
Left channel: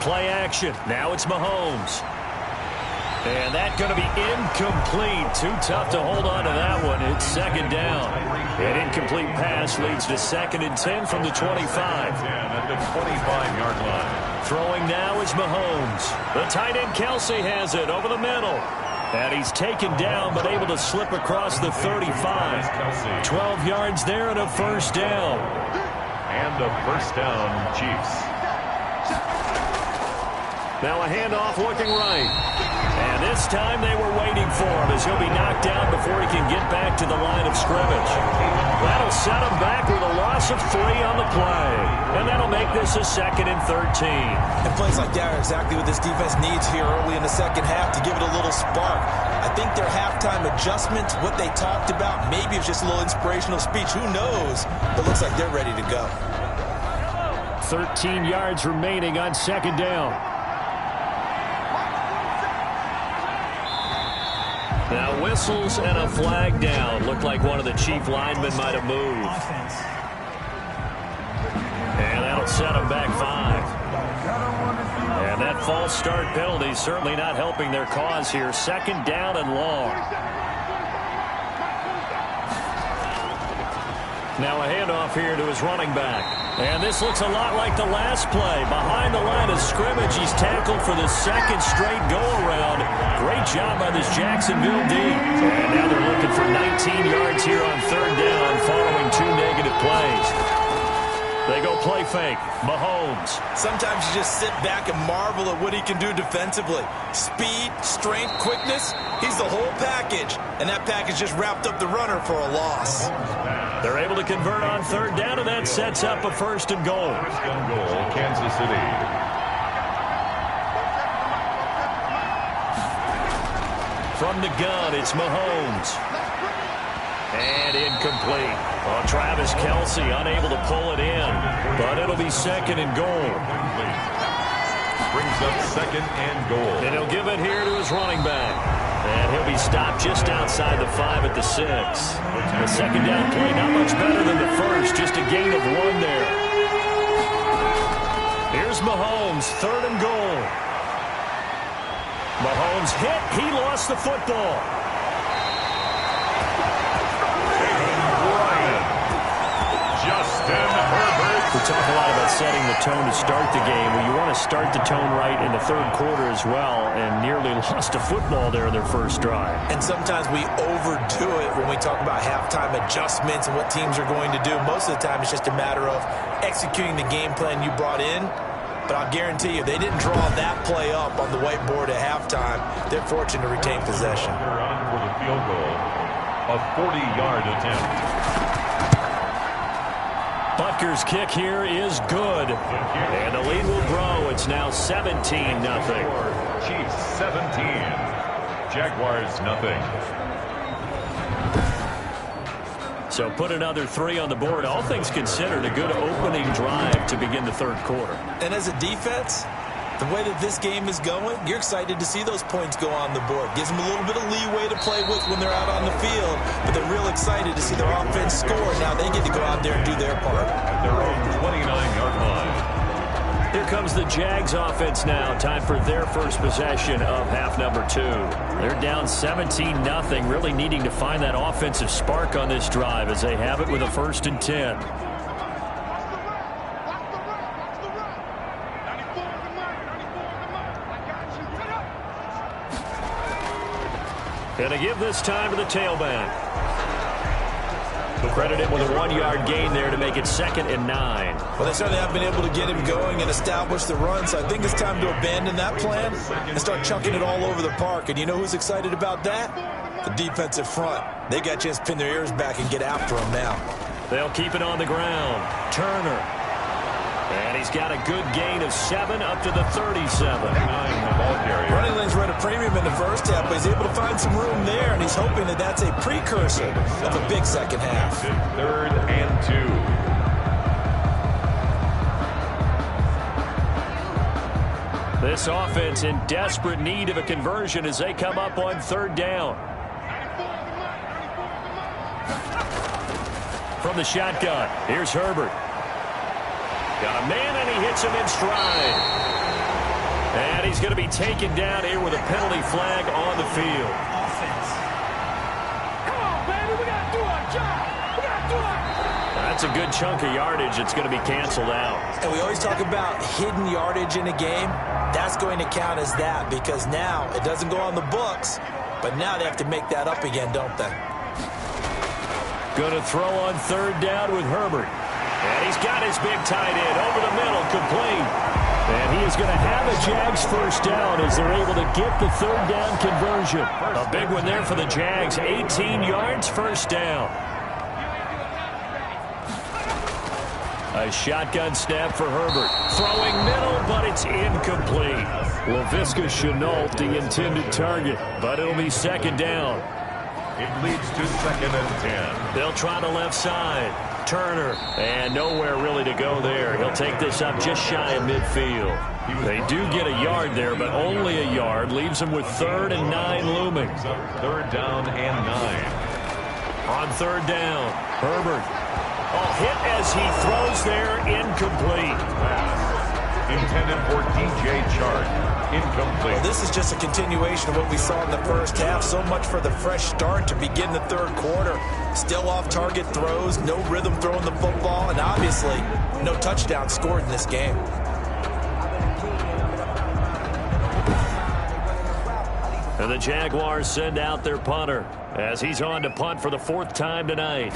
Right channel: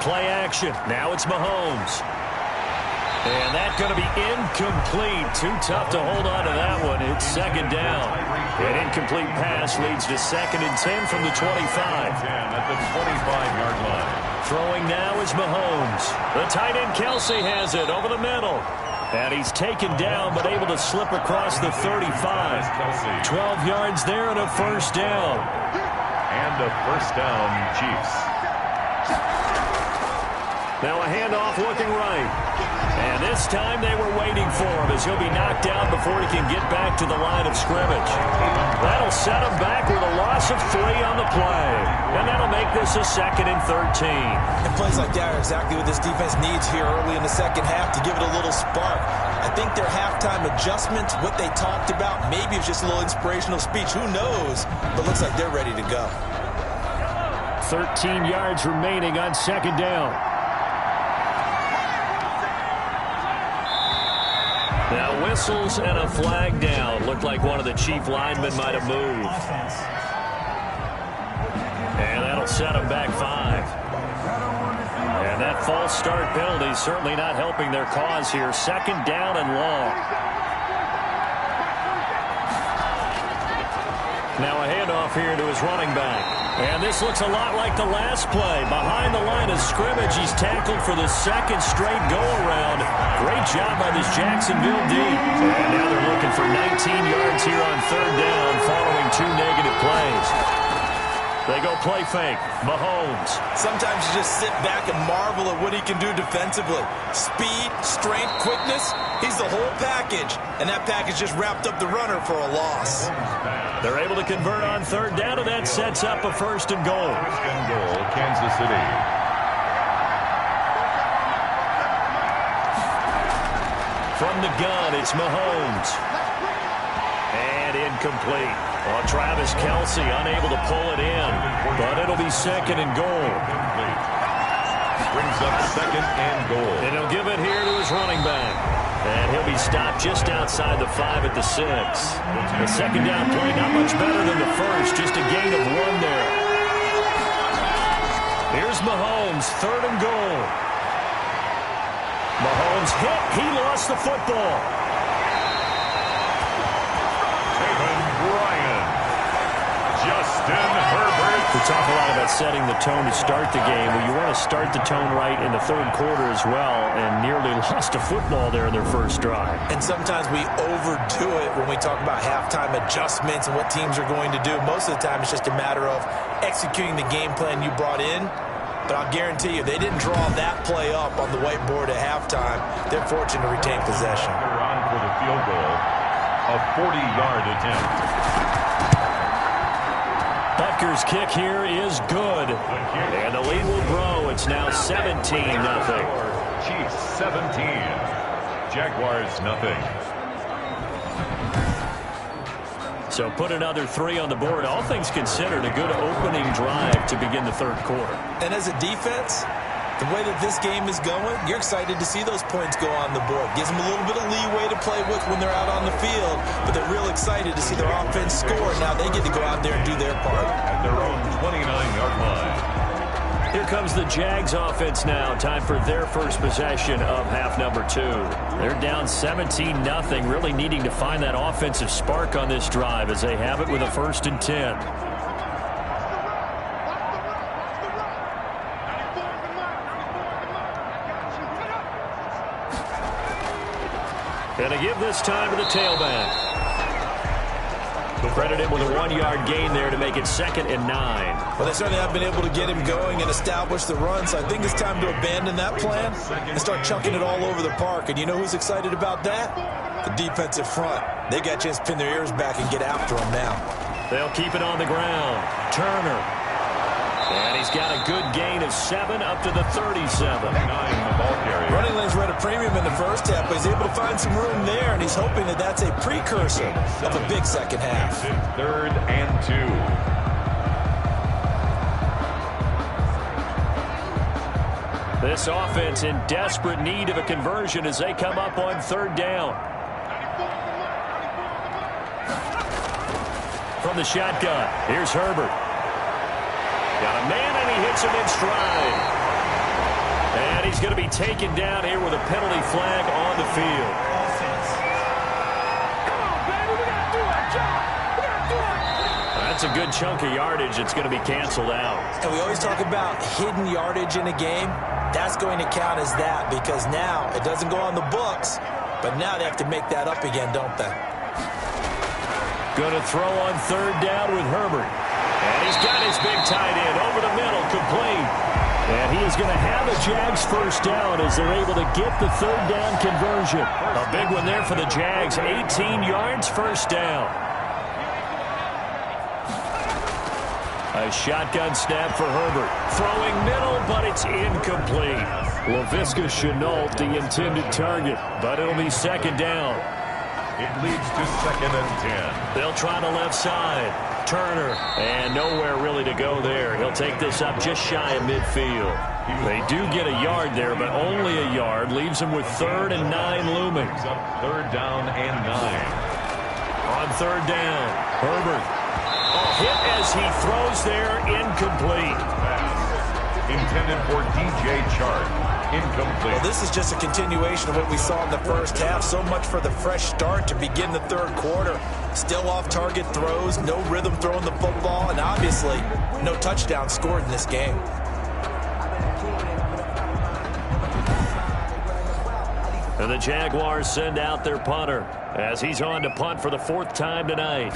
Play action. Now it's Mahomes. And that's going to be incomplete. Too tough to hold on to that one. It's second down. An incomplete pass leads to 2nd and 10 from the 25. At the 25-yard line. Throwing now is Mahomes. The tight end Kelsey has it over the middle. And he's taken down but able to slip across the 35. 12 yards there and a first down. And a first down, Chiefs. Now a handoff looking right. And this time they were waiting for him as he'll be knocked down before he can get back to the line of scrimmage. That'll set him back with a loss of 3 on the play. And that'll make this a 2nd and 13. And plays like that are exactly what this defense needs here early in the second half to give it a little spark. I think their halftime adjustments, what they talked about, maybe it's just a little inspirational speech. Who knows? But looks like they're ready to go. 13 yards remaining on 2nd down. Now whistles and a flag down. Looked like one of the Chief linemen might have moved. And that'll set him back 5. And that false start penalty certainly not helping their cause here. 2nd down and long. Now a handoff here to his running back. And this looks a lot like the last play. Behind the line of scrimmage, he's tackled for the 2nd straight go-around. Great job by this Jacksonville D. And now they're looking for 19 yards here on 3rd down following 2 negative plays. They go play fake. Mahomes. Sometimes you just sit back and marvel at what he can do defensively. Speed, strength, quickness. He's the whole package. And that package just wrapped up the runner for a loss. They're able to convert on 3rd down, and that sets up a 1st and goal. 1st and goal, Kansas City. From the gun, it's Mahomes. And incomplete. Oh, Travis Kelsey unable to pull it in, but it'll be 2nd and goal. Brings up 2nd and goal. And he'll give it here to his running back. And he'll be stopped just outside the 5 at the 6. The 2nd down play not much better than the first, just a gain of 1 there. Here's Mahomes, 3rd and goal. Mahomes hit, he lost the football. Justin Herbert. We talk a lot about setting the tone to start the game. Well, you want to start the tone right in the 3rd quarter as well, and nearly lost a football there in their first drive. And sometimes we overdo it when we talk about halftime adjustments and what teams are going to do. Most of the time, it's just a matter of executing the game plan you brought in. But I'll guarantee you, they didn't draw that play up on the whiteboard at halftime. They're fortunate to retain possession. They're on for the field goal, a 40-yard attempt. Butker's kick here is good. And the lead will grow. It's now 17-0. Chiefs 17. Jaguars nothing. So put another 3 on the board. All things considered, a good opening drive to begin the 3rd quarter. And as a defense, The way that this game is going, you're excited to see those points go on the board. Gives them a little bit of leeway to play with when they're out on the field, but they're real excited to see their offense score. Now they get to go out there and do their part. At their own 29-yard line. Here comes the Jags offense now. Time for their first possession of half number 2. They're down 17-0, really needing to find that offensive spark on this drive as they have it with a 1st and 10. And to give this time to the tailback. Credit him with a 1-yard gain there to make it 2nd and 9. Well, they certainly have been able to get him going and establish the run, so I think it's time to abandon that plan and start chunking it all over the park. And you know who's excited about that? The defensive front. They got a chance to pin their ears back and get after him now. They'll keep it on the ground. Turner. And he's got a good gain of 7 up to the 37. 9, the ball carrier. Running lanes were at a premium in the first half, but he's able to find some room there, and he's hoping that that's a precursor of a big second half. 3rd and 2. This offense in desperate need of a conversion as they come up on 3rd down. From the shotgun, here's Herbert. Got a man, and he hits him in stride. And he's going to be taken down here with a penalty flag on the field. Come on, baby, we got to do our job. We got to do our... That's a good chunk of yardage that's going to be canceled out. And we always talk about hidden yardage in a game. That's going to count as that because now it doesn't go on the books, but now they have to make that up again, don't they? Going to throw on 3rd down with Herbert. And he's got his big tight end over the middle, complete. And he is going to have a Jags 1st down as they're able to get the 3rd down conversion. A big one there for the Jags, 18 yards, 1st down. A shotgun snap for Herbert. Throwing middle, but it's incomplete. Laviska Shenault, the intended target, but it'll be 2nd down. It leads to 2nd and 10. They'll try the left side. Turner, and nowhere really to go there. He'll take this up just shy of midfield. They do get a yard there, but only a yard. Leaves them with 3rd and 9 looming. 3rd down and 9. On 3rd down, Herbert. Oh, hit as he throws there, incomplete. Pass intended for DJ Chark. Incomplete. Well, this is just a continuation of what we saw in the first half. So much for the fresh start to begin the 3rd quarter. Still off-target throws, no rhythm throwing the football, and obviously no touchdowns scored in this game. And the Jaguars send out their punter as he's on to punt for the 4th time tonight.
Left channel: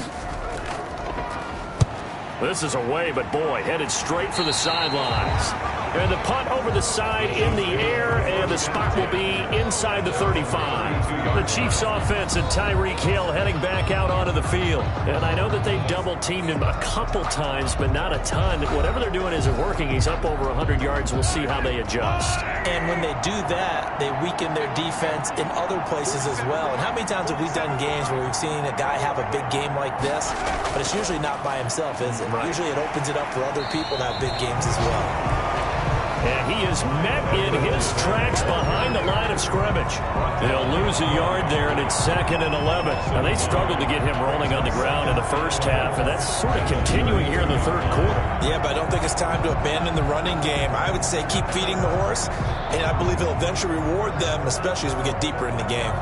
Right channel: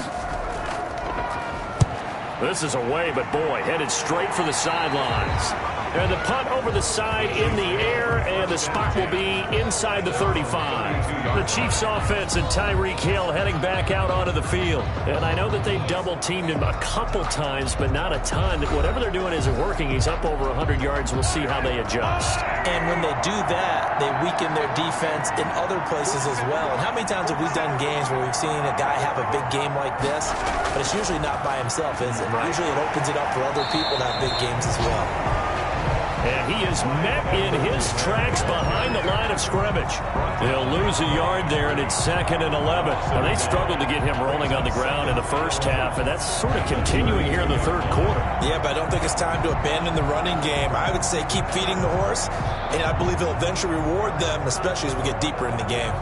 This is away, but boy, headed straight for the sidelines. And the punt over the side in the air, and the spot will be inside the 35. The Chiefs offense and Tyreek Hill heading back out onto the field. And I know that they've double-teamed him a couple times, but not a ton. Whatever they're doing isn't working. He's up over 100 yards. We'll see how they adjust. And when they do that, they weaken their defense in other places as well. And how many times have we done games where we've seen a guy have a big game like this, but it's usually not by himself, is it? Right. Usually it opens it up for other people to have big games as well. And he is met in his tracks behind the line of scrimmage. They'll lose a yard there, and it's 2nd and 11. Now, they struggled to get him rolling on the ground in the first half, and that's sort of continuing here in the 3rd quarter. Yeah, but I don't think it's time to abandon the running game. I would say keep feeding the horse, and I believe he'll eventually reward them, especially as we get deeper in the game.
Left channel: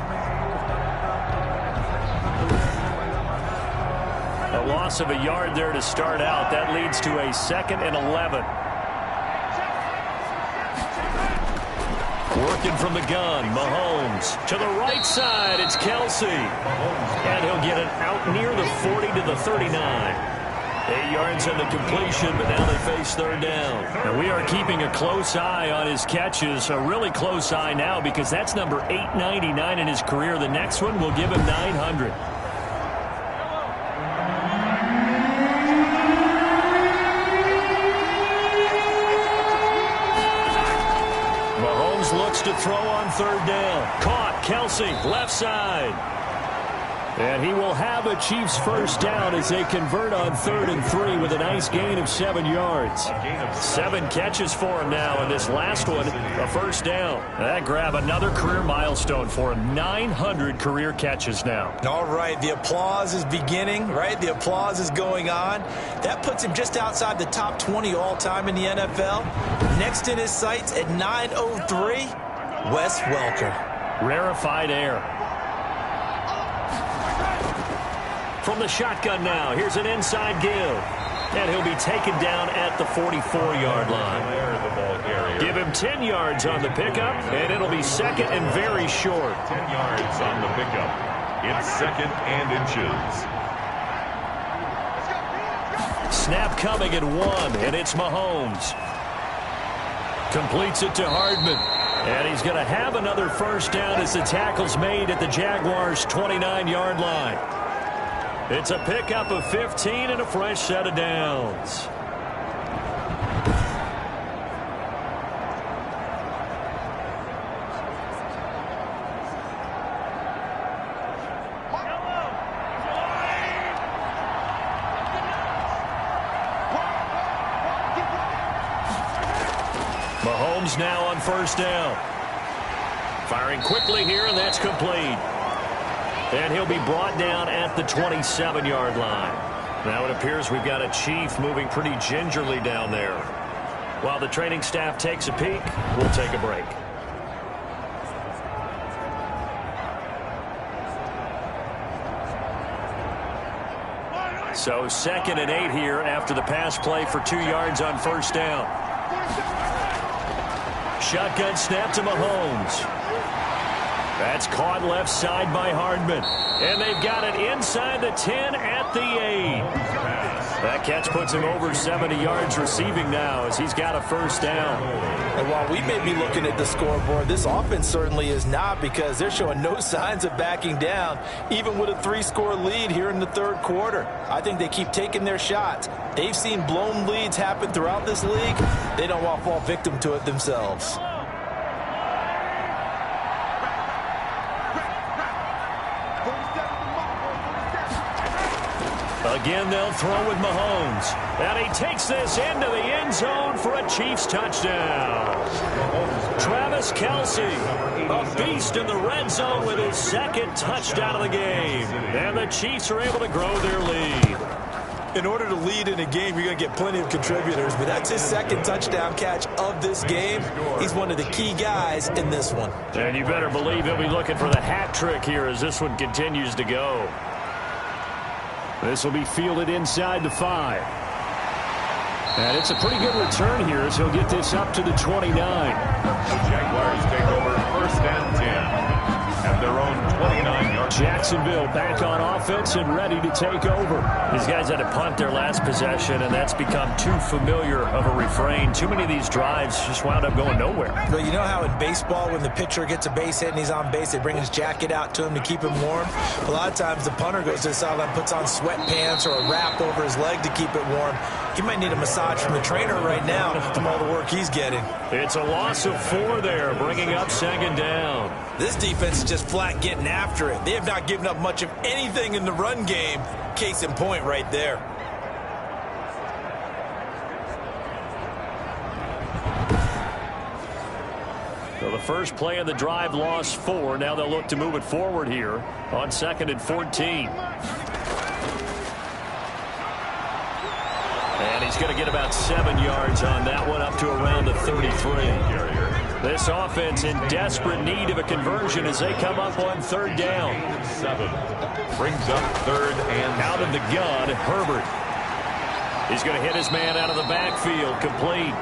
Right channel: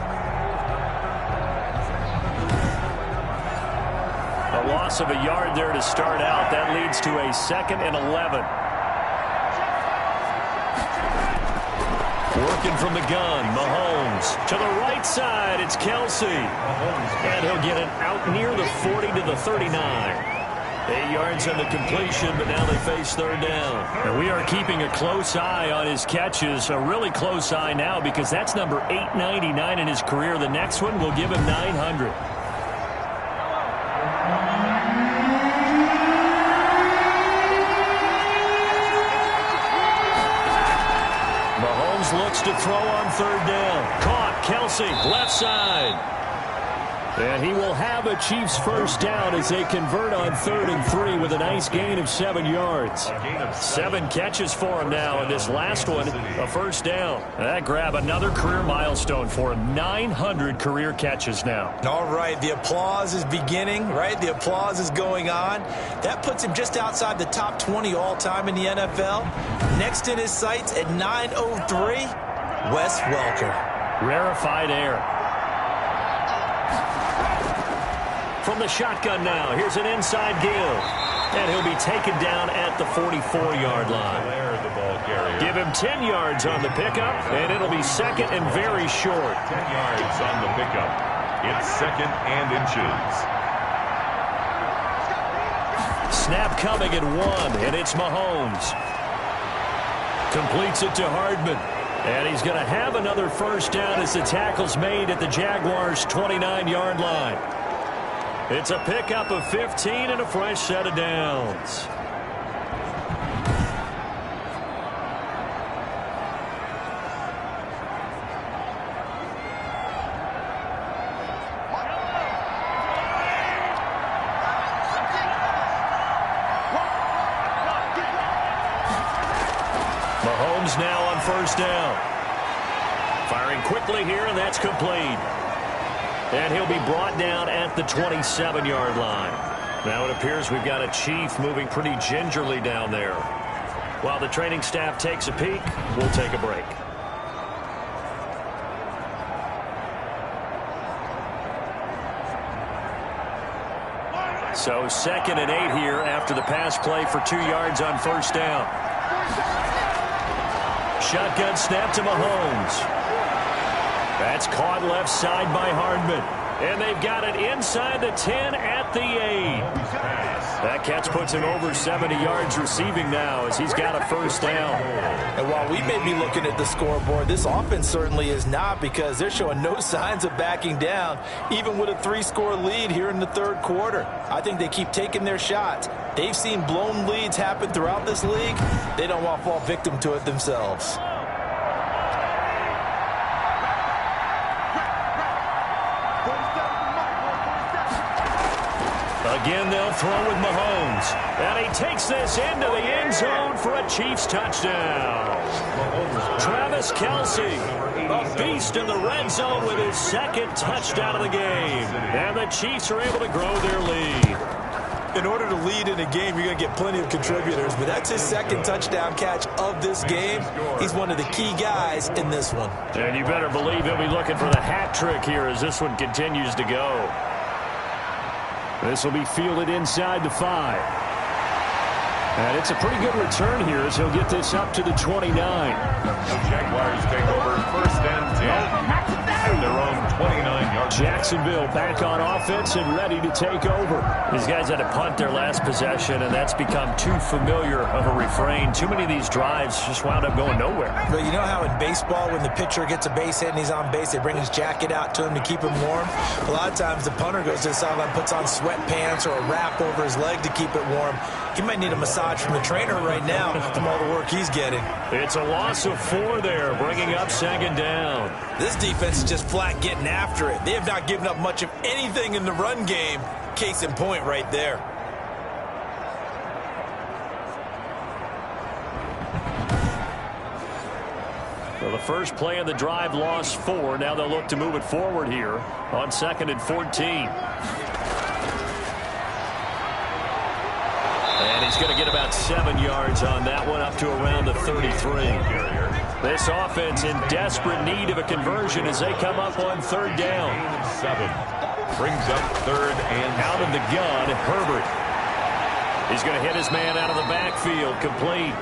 A loss of a yard there to start out. That leads to a 2nd and 11. Working from the gun, Mahomes. To the right side, it's Kelsey. And he'll get it out near the 40 to the 39. 8 yards on the completion, but now they face 3rd down. And we are keeping a close eye on his catches, a really close eye now because that's number 899 in his career. The next one will give him 900. Mahomes looks to throw on 3rd down. Caught. Kelsey, left side. And he will have a Chiefs first down as they convert on 3rd and 3 with a nice gain of 7 yards. 7 catches for him now, and this last one, a first down. That grab another career milestone for him. 900 career catches now. All right, the applause is beginning, right? The applause is going on. That puts him just outside the top 20 all-time in the NFL. Next in his sights at 903, Wes Welker. Rarefied air. From the shotgun now, here's an inside give. And he'll be taken down at the 44-yard line. Give him 10 yards on the pickup, and it'll be second and very short. 10 yards on the pickup. It's second and inches. Snap coming at 1, and it's Mahomes. Completes it to Hardman. And he's going to have another first down as the tackle's made at the Jaguars' 29-yard line. It's a pickup of 15 and a fresh set of downs. Mahomes now on first down. Firing quickly here, and that's complete. And he'll be brought down at the 27-yard line. Now it appears we've got a Chief moving pretty gingerly down there. While the training staff takes a peek, we'll take a break. So 2nd and 8 here after the pass play for 2 yards on first down. Shotgun snap to Mahomes. That's caught left side by Hardman. And they've got it inside the 10 at the 8. That catch puts him over 70 yards receiving now as he's got a first down. And while we may be looking at the scoreboard, this offense certainly is not, because they're showing no signs of backing down, even with a 3-score lead here in the 3rd quarter. I think they keep taking their shots. They've seen blown leads happen throughout this league. They don't want to fall victim to it themselves. Again, they'll throw with Mahomes. And he takes this into the end zone for a Chiefs touchdown. Travis Kelce, a beast in the red zone with his 2nd touchdown of the game. And the Chiefs are able to grow their lead. In order to lead in a game, you're going to get plenty of contributors, but that's his 2nd touchdown catch of this game. He's one of the key guys in this one. And you better believe he'll be looking for the hat trick here as this one continues to go. This will be fielded inside the 5. And it's a pretty good return here as he'll get this up to the 29. The Jaguars take over 1st and 10. At their own 29-yard. Jacksonville back on offense and ready to take over. These guys had to punt their last possession, and that's become too familiar of a refrain. Too many of these drives just wound up going nowhere. Well, you know how in baseball when the pitcher gets a base hit and he's on base, they bring his jacket out to him to keep him warm? A lot of times the punter goes to the sideline, puts on sweatpants or a wrap over his leg to keep it warm. He might need a massage from the trainer right now from all the work he's getting. It's a loss of 4 there, bringing up 2nd down. This defense is just flat getting after it. They have not given up much of anything in the run game. Case in point right there. So the first play of the drive lost 4. Now they'll look to move it forward here on 2nd and 14. And he's going to get about 7 yards on that one, up to around the 33. This offense in desperate need of a conversion as they come up on 3rd down. 7 brings up 3rd and out of the gun, Herbert. He's going to hit his man out of the backfield, complete.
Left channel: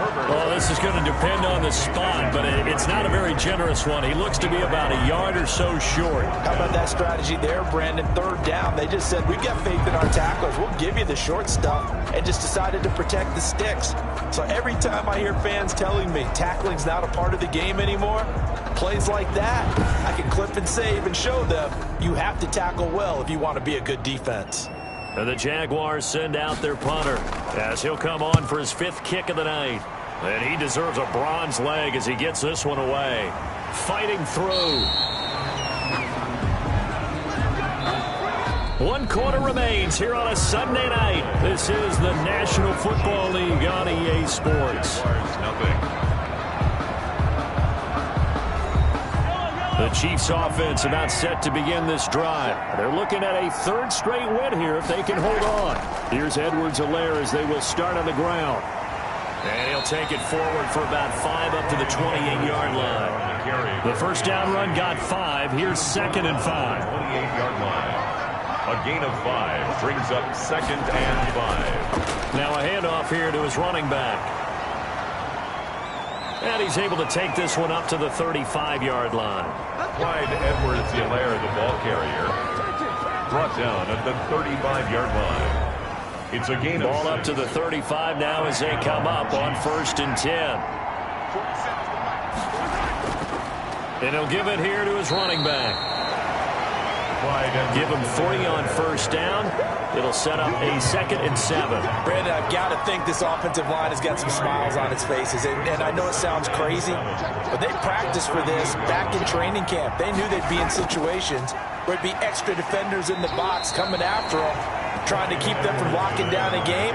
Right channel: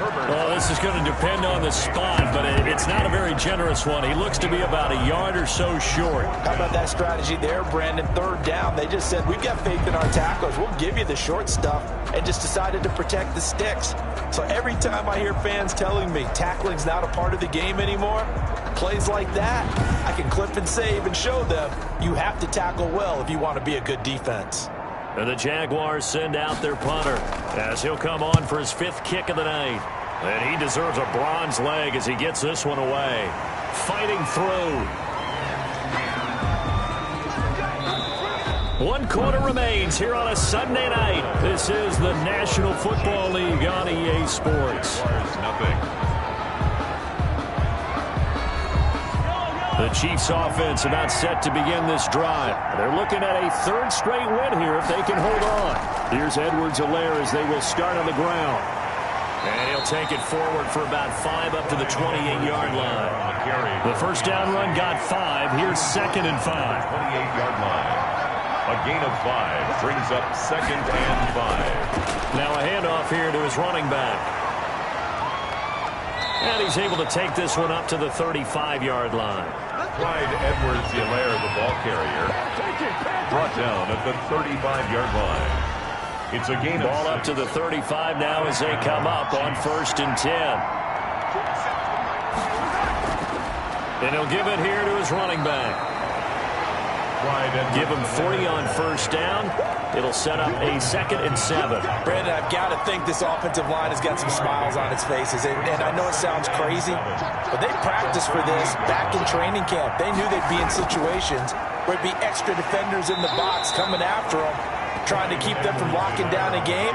Well, this is going to depend on the spot, but it's not a very generous one. He looks to be about a yard or so short. How about that strategy there, Brandon? 3rd down. They just said, we've got faith in our tacklers. We'll give you the short stuff, and just decided to protect the sticks. So every time I hear fans telling me tackling's not a part of the game anymore, plays like that, I can clip and save and show them you have to tackle well if you want to be a good defense. And the Jaguars send out their punter as he'll come on for his 5th kick of the night. And he deserves a bronze leg as he gets this one away. Fighting through. One quarter remains here on a Sunday night. This is the National Football League on EA Sports. Nothing. The Chiefs offense about set to begin this drive. They're looking at a third straight win here if they can hold on. Here's Edwards-Helaire as they will start on the ground. And he'll take it forward for about 5 up to the 28-yard line. The first down run got 5. Here's 2nd and 5. 28-yard line. A gain of 5 brings up 2nd and 5. Now a handoff here to his running back. And he's able to take this one up to the 35-yard line. Clyde Edwards-Helaire, the ball carrier, brought down at the 35-yard line. It's a gain of 6. Ball up to the 35 now as they come up on 1st and 10. And he'll give it here to his running back. Give him 3 on 1st down. It'll set up a 2nd and 7. Brandon, I've got to think this offensive line has got some smiles on its faces. And I know it sounds crazy, but they practiced for this back in training camp. They knew they'd be in situations where it'd be extra defenders in the box coming after them, trying to keep them from locking down a game.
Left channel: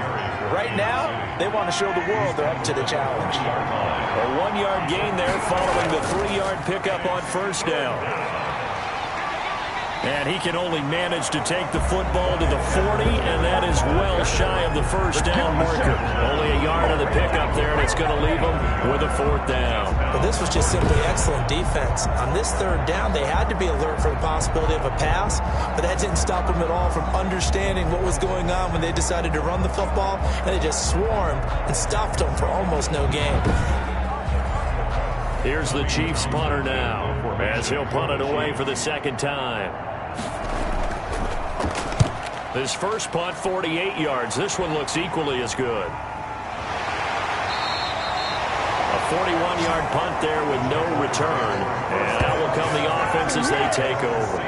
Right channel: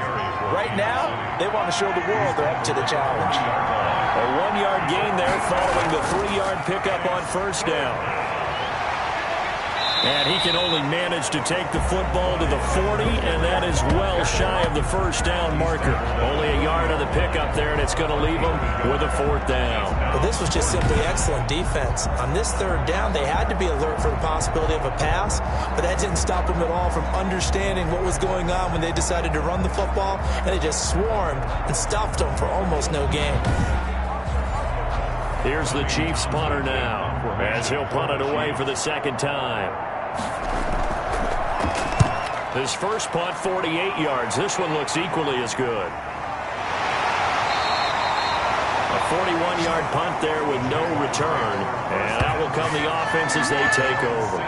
Right now, they want to show the world they're up to the challenge. A 1-yard gain there following the 3-yard pickup on 1st down. And he can only manage to take the football to the 40, and that is well shy of the 1st down marker. Only a yard on the pickup there, and it's going to leave him with a 4th down. Well, this was just simply excellent defense. On this 3rd down, they had to be alert for the possibility of a pass, but that didn't stop them at all from understanding what was going on when they decided to run the football, and they just swarmed and stuffed them for almost no gain. Here's the Chiefs punter now, as he'll punt it away for the 2nd time. His first punt, 48 yards. This one looks equally as good. A 41-yard punt there with no return. And out will come the offense as they take over.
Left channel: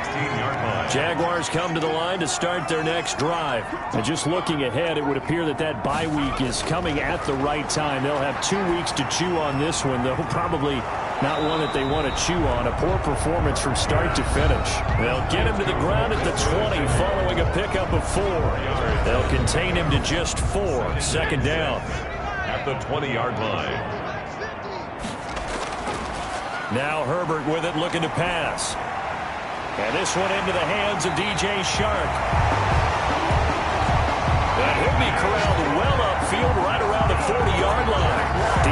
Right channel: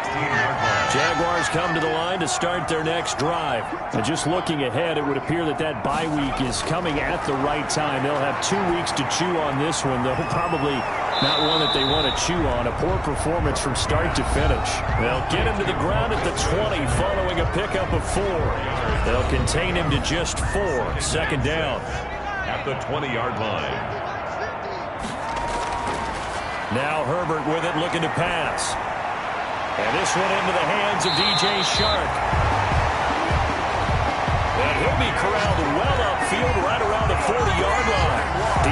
Jaguars come to the line to start their next drive. And just looking ahead, it would appear that that bye week is coming at the right time. They'll have 2 weeks to chew on this one, though probably not one that they want to chew on. A poor performance from start to finish. They'll get him to the ground at the 20 following a pickup of 4. They'll contain him to just 4. 2nd down. At the 20-yard line. Now Herbert with it, looking to pass. And this one into the hands of DJ Shark. And he'll be corralled well upfield right around the 40-yard line.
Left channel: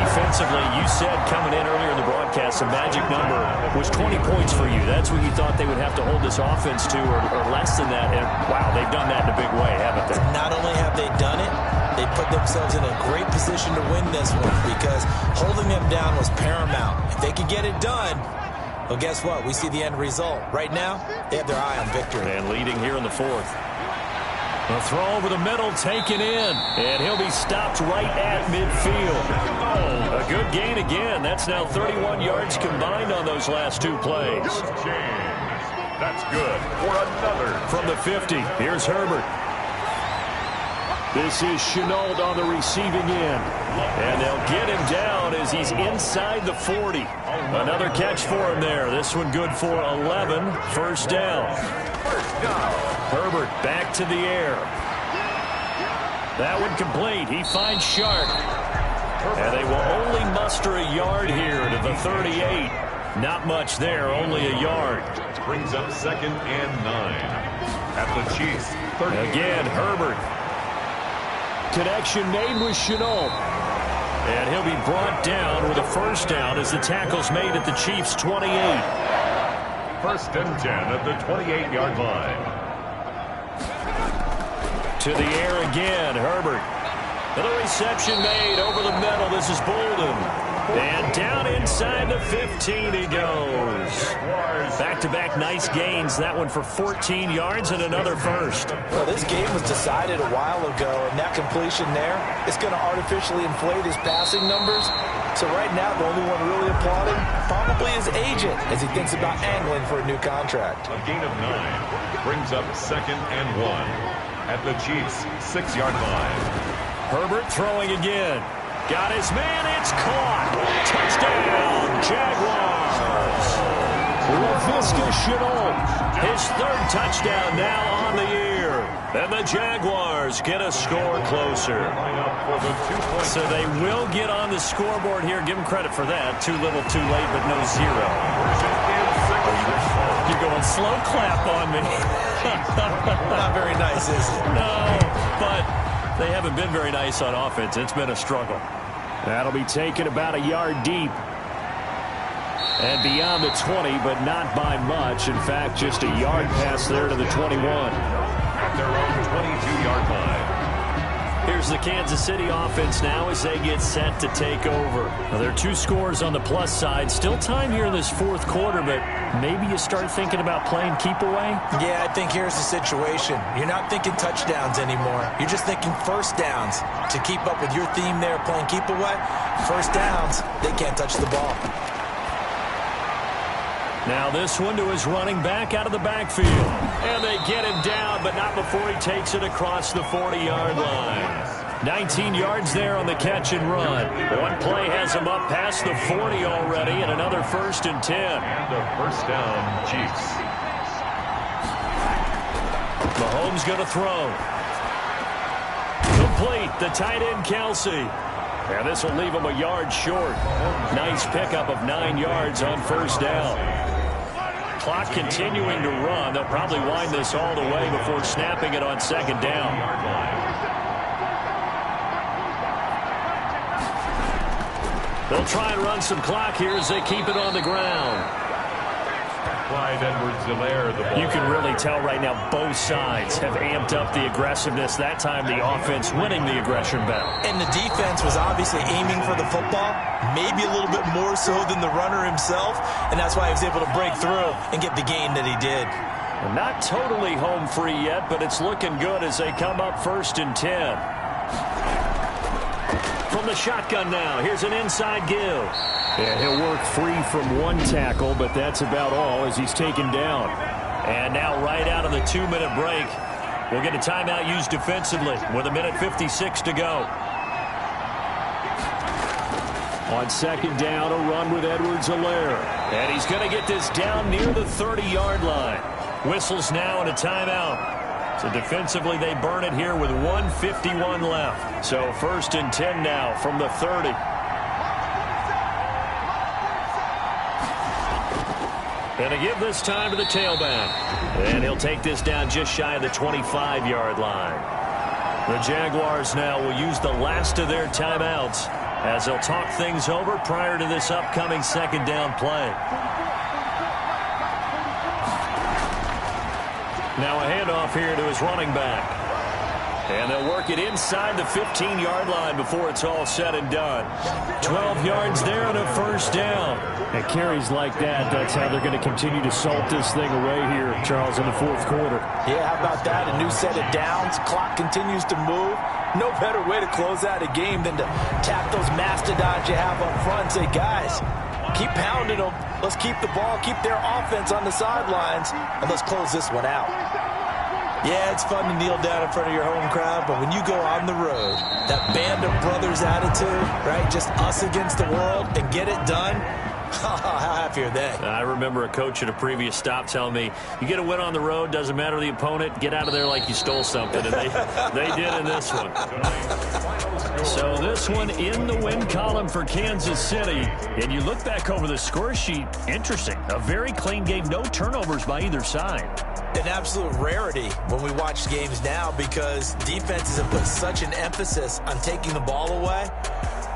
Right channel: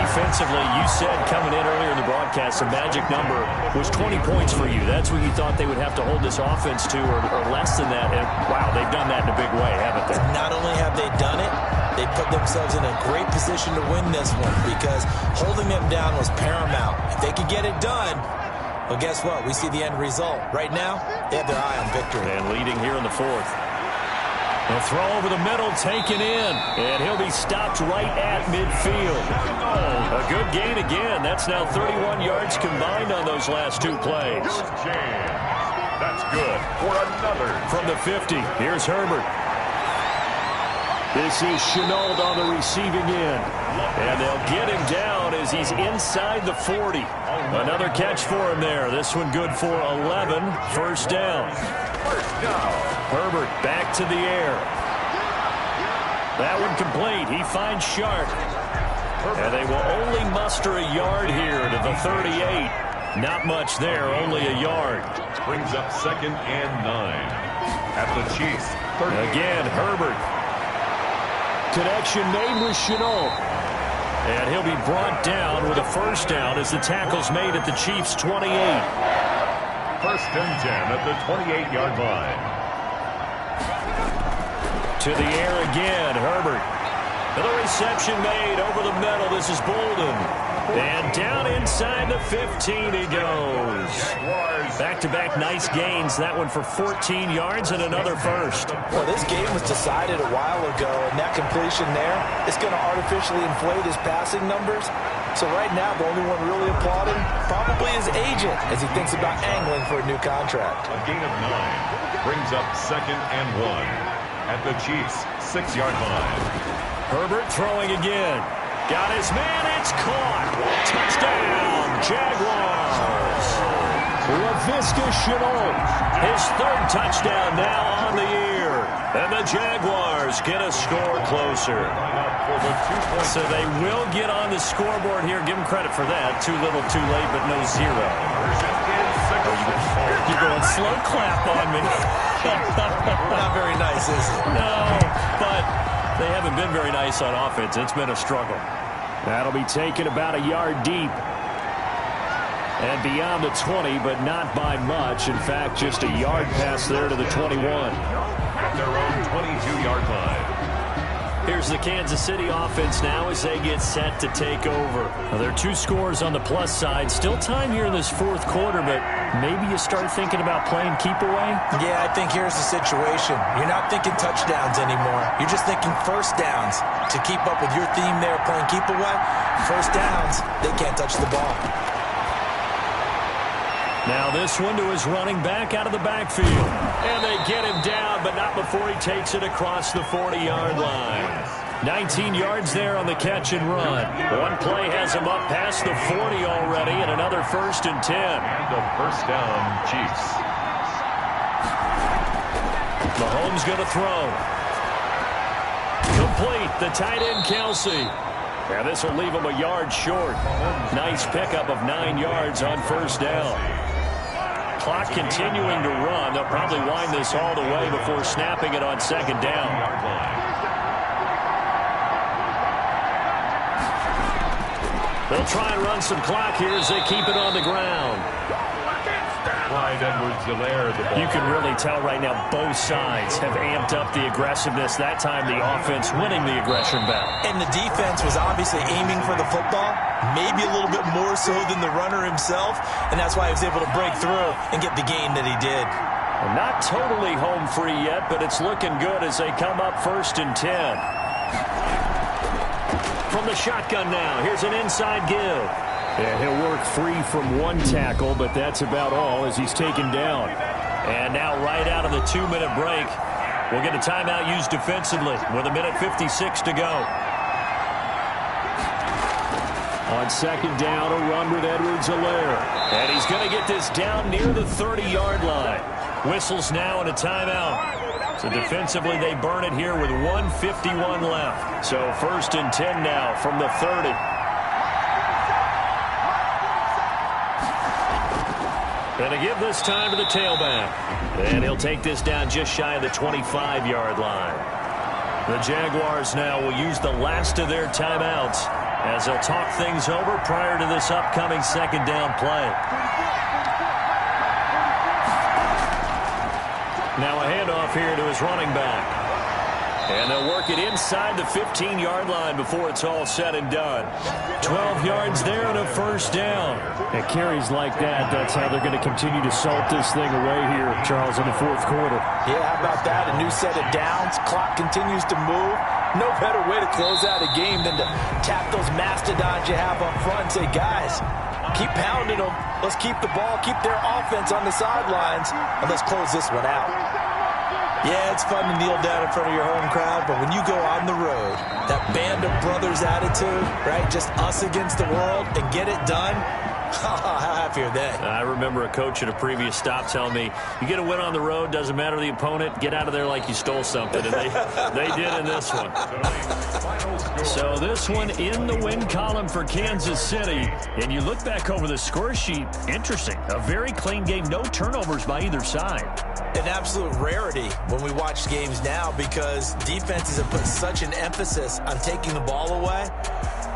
Defensively, you said coming in earlier in the broadcast, the magic number was 20 points for you. That's what you thought they would have to hold this offense to, or less than that. And, wow, they've done that in a big way, haven't they? Not only have they done it, they put themselves in a great position to win this one because holding them down was paramount. If they could get it done, well, guess what? We see the end result. Right now, they have their eye on victory. And leading here in the 4th. A throw over the middle, taken in, and he'll be stopped right at midfield. Oh, a good gain again. That's now 31 yards combined on those last 2 plays. That's good for another. From the 50, here's Herbert. This is Chenault on the receiving end. And they'll get him down as he's inside the 40. Another catch for him there. This one good for 11. 1st down. Herbert back to the air. That one complete. He finds Shark. And they will only muster a yard here to the 38. Not much there, only a yard. Brings up 2nd and 9. At the Chiefs, 30. Again, Herbert. Connection made with Chenault. And he'll be brought down with a 1st down as the tackle's made at the Chiefs' 28. 1st and 10 at the 28-yard line. To the air again, Herbert. The reception made over the middle. This is Bolden. And down inside the 15 he goes. Back-to-back nice gains. That one for 14 yards and another 1st. Well, this game was decided a while ago, and that completion there is going to artificially inflate his passing numbers. So right now, the only one really applauding probably his agent as he thinks about angling for a new contract. A gain of 9 brings up 2nd and 1 at the Chiefs' 6-yard line. Herbert throwing again. Got his man. It's caught. Touchdown, Jaguars. Laviska Shenault. His third touchdown now on the year. And the Jaguars get a score closer. So they will get on the scoreboard here. Give them credit for that. Too little, too late, but no zero. You're going slow clap on me. Not very nice, is it? No, but they haven't been very nice on offense. It's been a struggle. That'll be taken about a yard deep. And beyond the 20, but not by much. In fact, just a yard pass there to the 21. At their own 22-yard line. Here's the Kansas City offense now as they get set to take over. Now, there are 2 scores on the plus side. Still time here in this fourth quarter, but maybe you start thinking about playing keep away? Yeah, I think here's the situation. You're not thinking touchdowns anymore. You're just thinking first downs. To keep up with your theme there, playing keep away, first downs, they can't touch the ball. Now this one to his running back out of the backfield. And they get him down, but not before he takes it across the 40-yard line. 19 yards there on the catch and run. One play has him up past the 40 already, and another 1st and 10. And a first down, Chiefs. Mahomes going to throw. Complete, the tight end Kelsey. And this will leave him a yard short. Nice pickup of 9 yards on first down. Clock continuing to run. They'll probably wind this all the way before snapping it on second down. They'll try and run some clock here as they keep it on the ground. Clyde Edwards-Helaire, the ball. You can really tell right now both sides have amped up the aggressiveness. That time the offense winning the aggression battle. And the defense was obviously aiming for the football, maybe a little bit more so than the runner himself, and that's why he was able to break through and get the gain that he did. Well, not totally home free yet, but it's looking good as they come up 1st and 10. From the shotgun now, here's an inside give. Yeah, he'll work free from one tackle, but that's about all as he's taken down. And now right out of the 2-minute break, we'll get a timeout used defensively with 1:56 to go. On second down, a run with Edwards-Helaire. And he's going to get this down near the 30-yard line. Whistles now and a timeout. So defensively, they burn it here with 1:51 left. So 1st and 10 now from the 30. And to give this time to the tailback. And he'll take this down just shy of the 25-yard line. The Jaguars now will use the last of their timeouts as they'll talk things over prior to this upcoming second down play. Now a handoff here to his running back. And they'll work it inside the 15-yard line before it's all said and done. 12 yards there and a first down. And carries like that, that's how they're going to continue to salt this thing away here, Charles, in the fourth quarter. Yeah, how about that? A new set of downs. Clock continues to move. No better way to close out a game than to tap those mastodons you have up front and say, guys, keep pounding them. Let's keep the ball, keep their offense on the sidelines, and let's close this one out. Yeah, it's fun to kneel down in front of your home crowd, but when you go on the road, that band of brothers attitude, right, just us against the world and get it done, how happy are they? I remember a coach at a previous stop telling me, you get a win on the road, doesn't matter the opponent, get out of there like you stole something, and they did in this one. So this one in the win column for Kansas City, and you look back over the score sheet, interesting, a very clean game, no turnovers by either side. An absolute rarity when we watch games now because defenses have put such an emphasis on taking the ball away.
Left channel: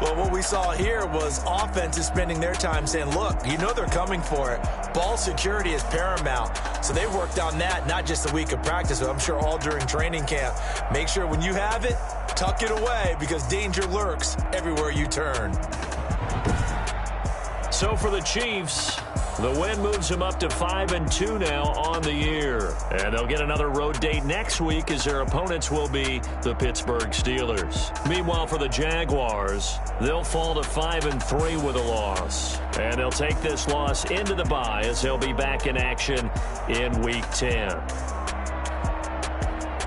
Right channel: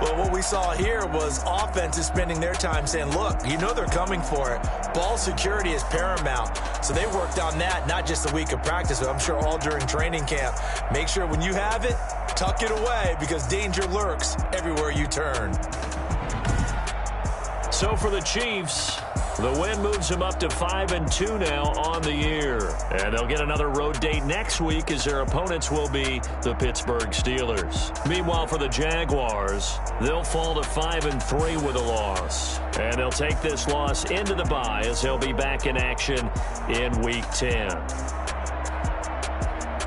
Well, what we saw here was offenses spending their time saying, look, you know they're coming for it. Ball security is paramount. So they worked on that, not just a week of practice, but I'm sure all during training camp. Make sure when you have it, tuck it away because danger lurks everywhere you turn. So for the Chiefs, the win moves them up to 5-2 now on the year. And they'll get another road date next week as their opponents will be the Pittsburgh Steelers. Meanwhile, for the Jaguars, they'll fall to 5-3 with a loss. And they'll take this loss into the bye as they'll be back in action in Week 10.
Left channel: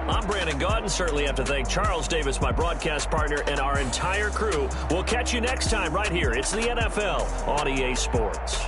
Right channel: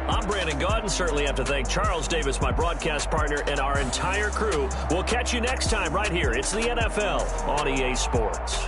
I'm Brandon Gaudin. Certainly have to thank Charles Davis, my broadcast partner, and our entire crew. We'll catch you next time right here. It's the NFL on EA Sports.